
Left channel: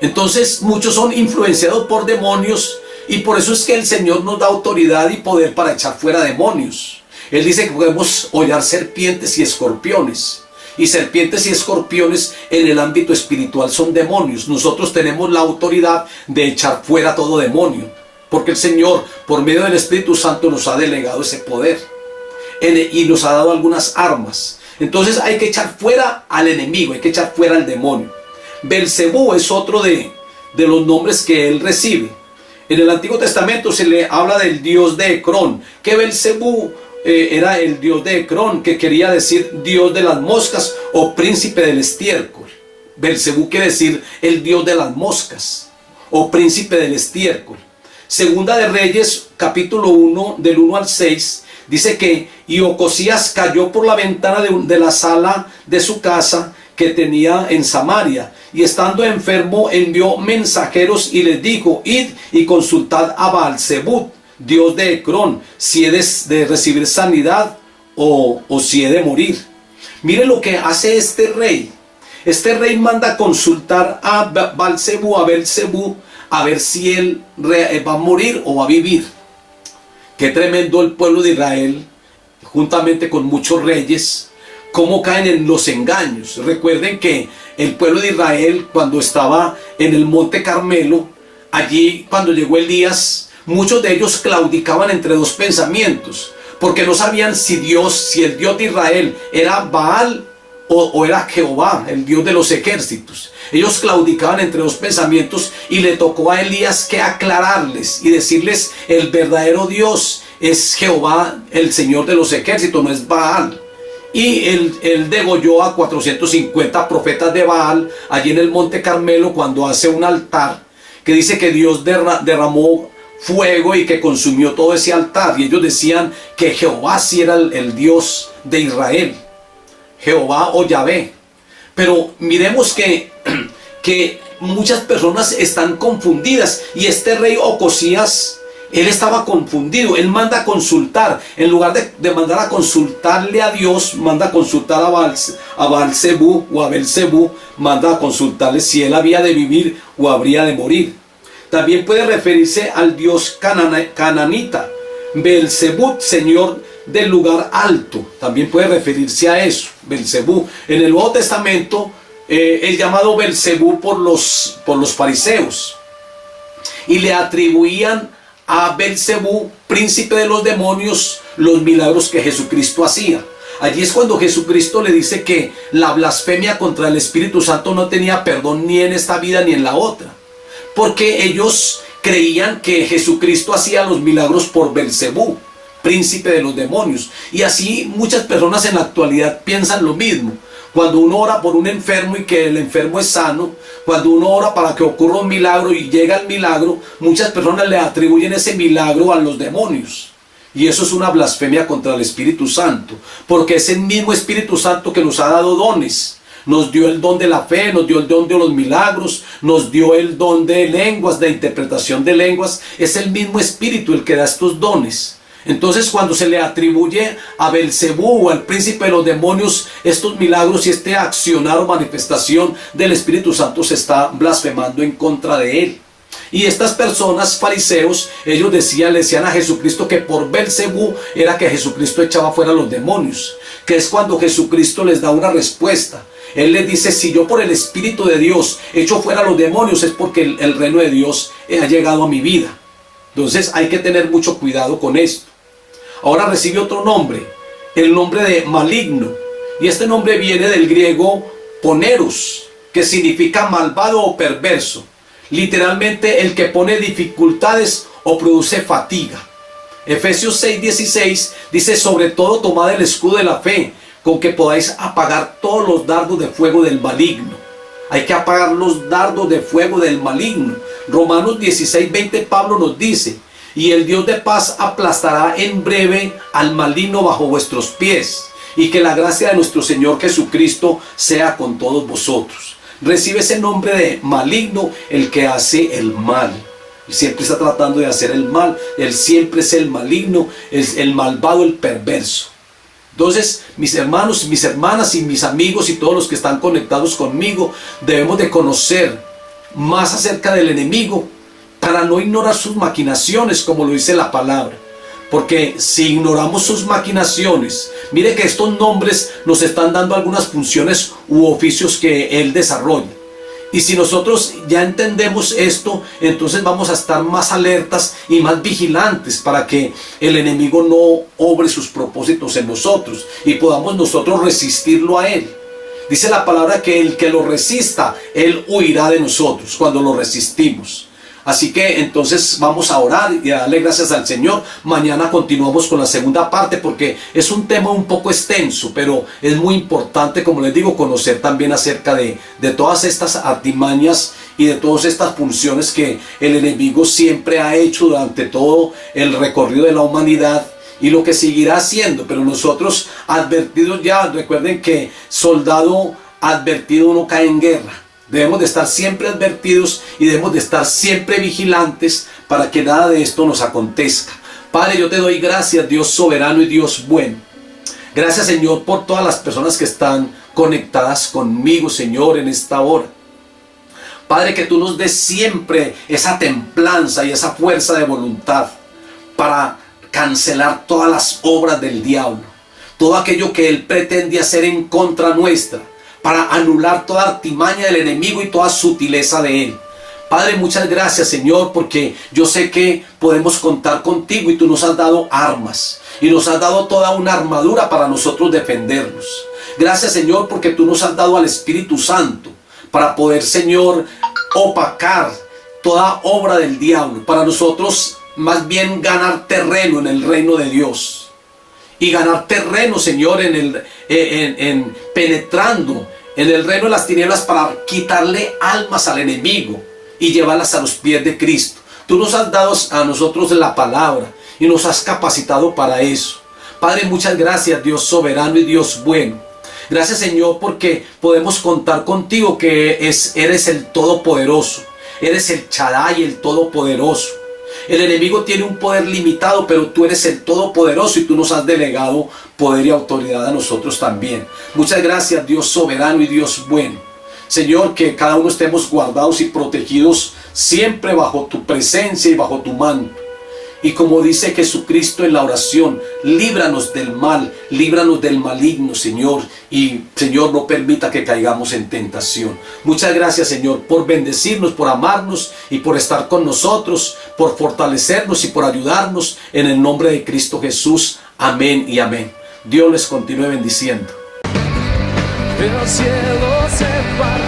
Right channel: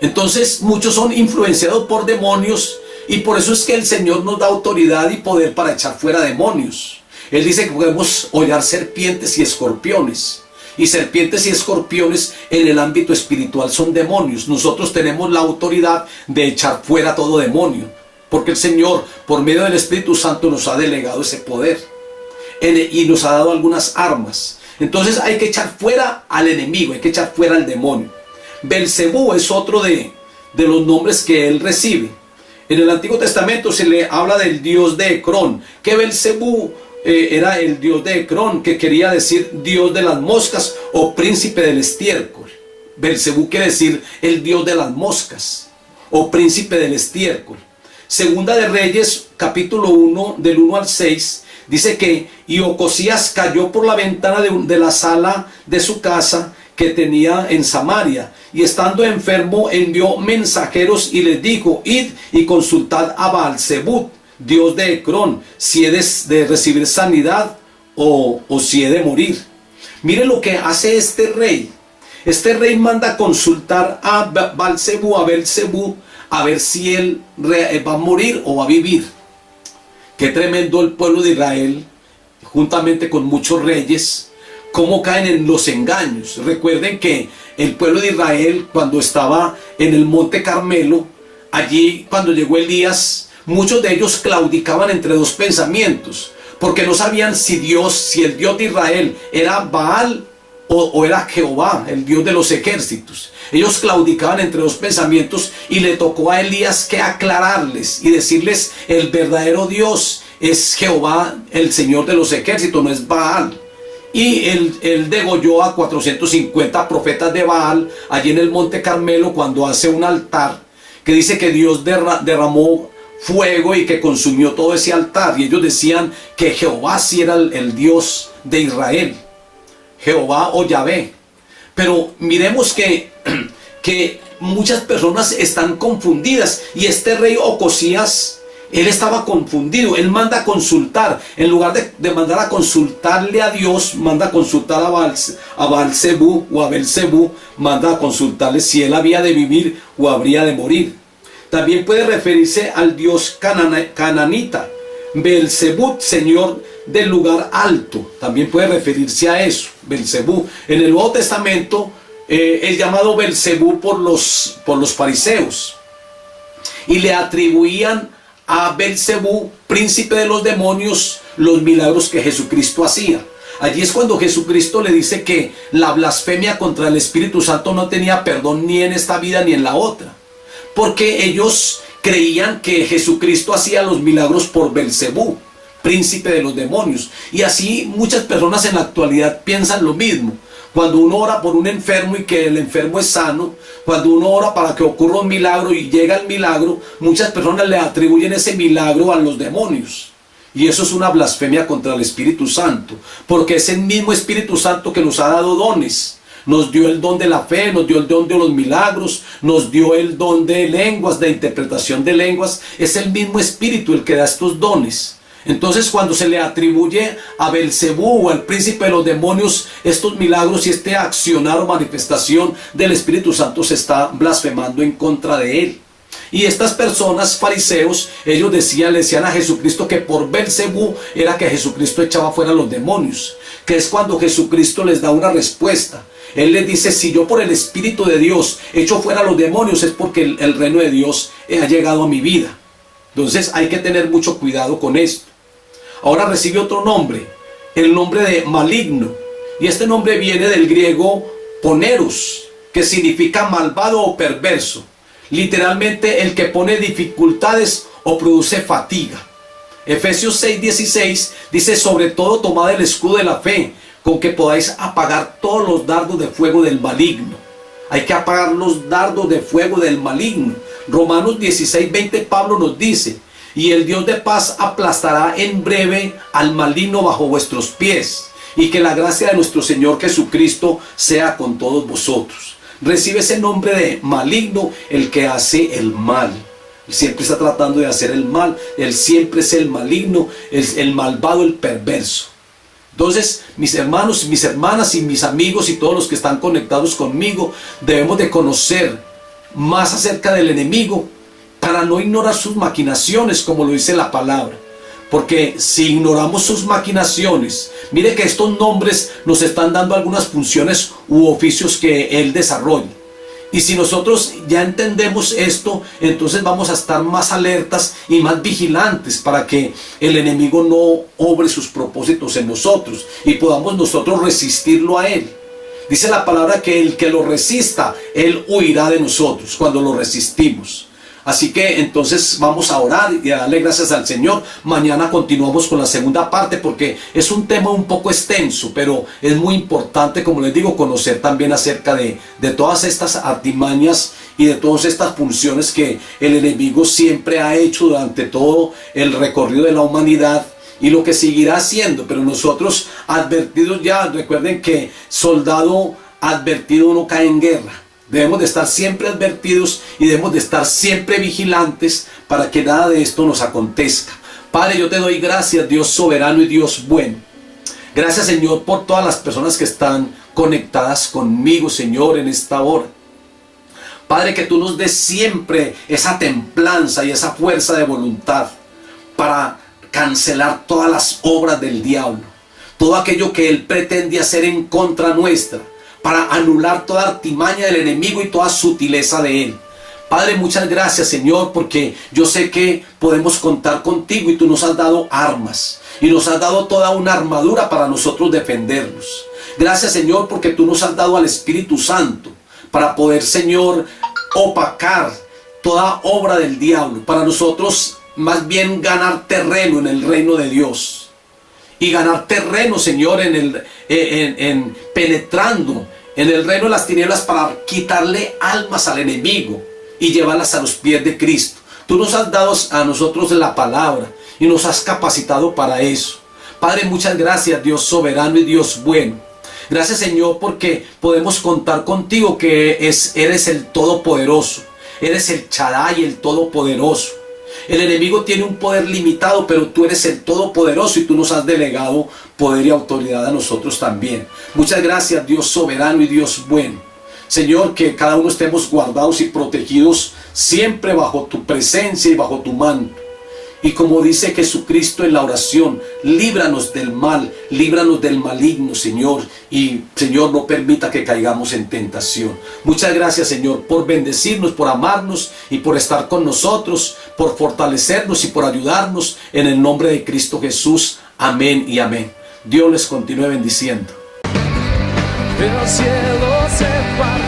Entonces muchos son influenciados por demonios, y por eso es que el Señor nos da autoridad y poder para echar fuera demonios. Él dice que podemos hollar serpientes y escorpiones. Y serpientes y escorpiones en el ámbito espiritual son demonios. Nosotros tenemos la autoridad de echar fuera todo demonio, porque el Señor, por medio del Espíritu Santo, nos ha delegado ese poder y nos ha dado algunas armas. Entonces hay que echar fuera al enemigo, hay que echar fuera al demonio. Belcebú es otro de los nombres que él recibe. En el Antiguo Testamento se le habla del dios de Ecrón, que Belcebú era el dios de Ecrón, que quería decir dios de las moscas o príncipe del estiércol. Belcebú quiere decir el dios de las moscas o príncipe del estiércol. Segunda de Reyes, capítulo 1, del 1 al 6, dice que y Ocosías cayó por la ventana de la sala de su casa que tenía en Samaria, y estando enfermo envió mensajeros y les dijo: id y consultad a Baal-zebub, dios de Ecrón, si he de recibir sanidad o si he de morir. Mire lo que hace este rey. Este rey manda consultar a Baal-zebub, a Belcebú, a ver si él va a morir o va a vivir. Qué tremendo el pueblo de Israel, juntamente con muchos reyes, cómo caen en los engaños. Recuerden que el pueblo de Israel, cuando estaba en el monte Carmelo, allí cuando llegó Elías, muchos de ellos claudicaban entre dos pensamientos, porque no sabían si el Dios de Israel era Baal o era Jehová, el Dios de los ejércitos. Ellos claudicaban entre dos pensamientos, y le tocó a Elías que aclararles y decirles: el verdadero Dios es Jehová, el Señor de los ejércitos, no es Baal. Y él degolló a 450 profetas de Baal allí en el monte Carmelo, cuando hace un altar que dice que Dios derramó fuego y que consumió todo ese altar, y ellos decían que Jehová sí era el Dios de Israel, Jehová o Yahvé. Pero miremos que muchas personas están confundidas, y este rey Ocosías, él estaba confundido. Él manda a consultar, en lugar de mandar a consultarle a Dios, manda a consultar a Baal-zebub o a Belcebú, manda a consultarle si él había de vivir o habría de morir. También puede referirse al dios cananita, Belcebú, señor del lugar alto. También puede referirse a eso, Belcebú. En el Nuevo Testamento es llamado Belcebú por los fariseos, y le atribuían a Belcebú, príncipe de los demonios, los milagros que Jesucristo hacía. Allí es cuando Jesucristo le dice que la blasfemia contra el Espíritu Santo no tenía perdón ni en esta vida ni en la otra, porque ellos creían que Jesucristo hacía los milagros por Belcebú, príncipe de los demonios. Y así muchas personas en la actualidad piensan lo mismo. Cuando uno ora por un enfermo y que el enfermo es sano, cuando uno ora para que ocurra un milagro y llega el milagro, muchas personas le atribuyen ese milagro a los demonios. Y eso es una blasfemia contra el Espíritu Santo, porque es el mismo Espíritu Santo que nos ha dado dones. Nos dio el don de la fe, nos dio el don de los milagros, nos dio el don de lenguas, de interpretación de lenguas. Es el mismo Espíritu el que da estos dones. Entonces, cuando se le atribuye a Belcebú o al príncipe de los demonios estos milagros y este accionar o manifestación del Espíritu Santo, se está blasfemando en contra de él. Y estas personas, fariseos, ellos le decían a Jesucristo que por Belcebú era que Jesucristo echaba fuera a los demonios, que es cuando Jesucristo les da una respuesta. Él les dice: si yo por el Espíritu de Dios echo fuera a los demonios, es porque el reino de Dios ha llegado a mi vida. Entonces hay que tener mucho cuidado con esto. Ahora recibe otro nombre, el nombre de maligno, y este nombre viene del griego poneros, que significa malvado o perverso. Literalmente el que pone dificultades o produce fatiga. Efesios 6:16 dice: sobre todo tomad el escudo de la fe, con que podáis apagar todos los dardos de fuego del maligno. Hay que apagar los dardos de fuego del maligno. Romanos 16:20 Pablo nos dice: y el Dios de paz aplastará en breve al maligno bajo vuestros pies, y que la gracia de nuestro Señor Jesucristo sea con todos vosotros. Recibe ese nombre de maligno, el que hace el mal. Él siempre está tratando de hacer el mal. Él siempre es el maligno, el malvado, el perverso. Entonces, mis hermanos, mis hermanas y mis amigos y todos los que están conectados conmigo, debemos de conocer más acerca del enemigo para no ignorar sus maquinaciones, como lo dice la palabra. Porque si ignoramos sus maquinaciones, mire que estos nombres nos están dando algunas funciones u oficios que él desarrolla. Y si nosotros ya entendemos esto, entonces vamos a estar más alertas y más vigilantes para que el enemigo no obre sus propósitos en nosotros y podamos nosotros resistirlo a él. Dice la palabra que el que lo resista, él huirá de nosotros cuando lo resistimos. Así que entonces vamos a orar y a darle gracias al Señor. Mañana continuamos con la segunda parte porque es un tema un poco extenso, pero es muy importante, como les digo, conocer también acerca de todas estas artimañas y de todas estas funciones que el enemigo siempre ha hecho durante todo el recorrido de la humanidad y lo que seguirá haciendo. Pero nosotros advertidos ya, recuerden que soldado advertido no cae en guerra. Debemos de estar siempre advertidos y debemos de estar siempre vigilantes para que nada de esto nos acontezca. Padre, yo te doy gracias, Dios soberano y Dios bueno. Gracias, Señor, por todas las personas que están conectadas conmigo, Señor, en esta hora. Padre, que tú nos des siempre esa templanza y esa fuerza de voluntad para cancelar todas las obras del diablo, todo aquello que él pretende hacer en contra nuestra, para anular toda artimaña del enemigo y toda sutileza de él. Padre, muchas gracias, Señor, porque yo sé que podemos contar contigo y tú nos has dado armas y nos has dado toda una armadura para nosotros defendernos. Gracias, Señor, porque tú nos has dado al Espíritu Santo para poder, Señor, opacar toda obra del diablo, para nosotros más bien ganar terreno en el reino de Dios. Y ganar terreno, Señor, penetrando en el reino de las tinieblas para quitarle almas al enemigo y llevarlas a los pies de Cristo. Tú nos has dado a nosotros la palabra y nos has capacitado para eso. Padre, muchas gracias, Dios soberano y Dios bueno. Gracias, Señor, porque podemos contar contigo, que eres el Todopoderoso. Eres el Shaddai, el Todopoderoso. El enemigo tiene un poder limitado, pero tú eres el Todopoderoso y tú nos has delegado poder y autoridad a nosotros también. Muchas gracias, Dios soberano y Dios bueno. Señor, que cada uno estemos guardados y protegidos siempre bajo tu presencia y bajo tu manto. Y como dice Jesucristo en la oración, líbranos del mal, líbranos del maligno, Señor. Y, Señor, no permita que caigamos en tentación. Muchas gracias, Señor, por bendecirnos, por amarnos y por estar con nosotros, por fortalecernos y por ayudarnos. En el nombre de Cristo Jesús. Amén y amén. Dios les continúe bendiciendo. El cielo se parte.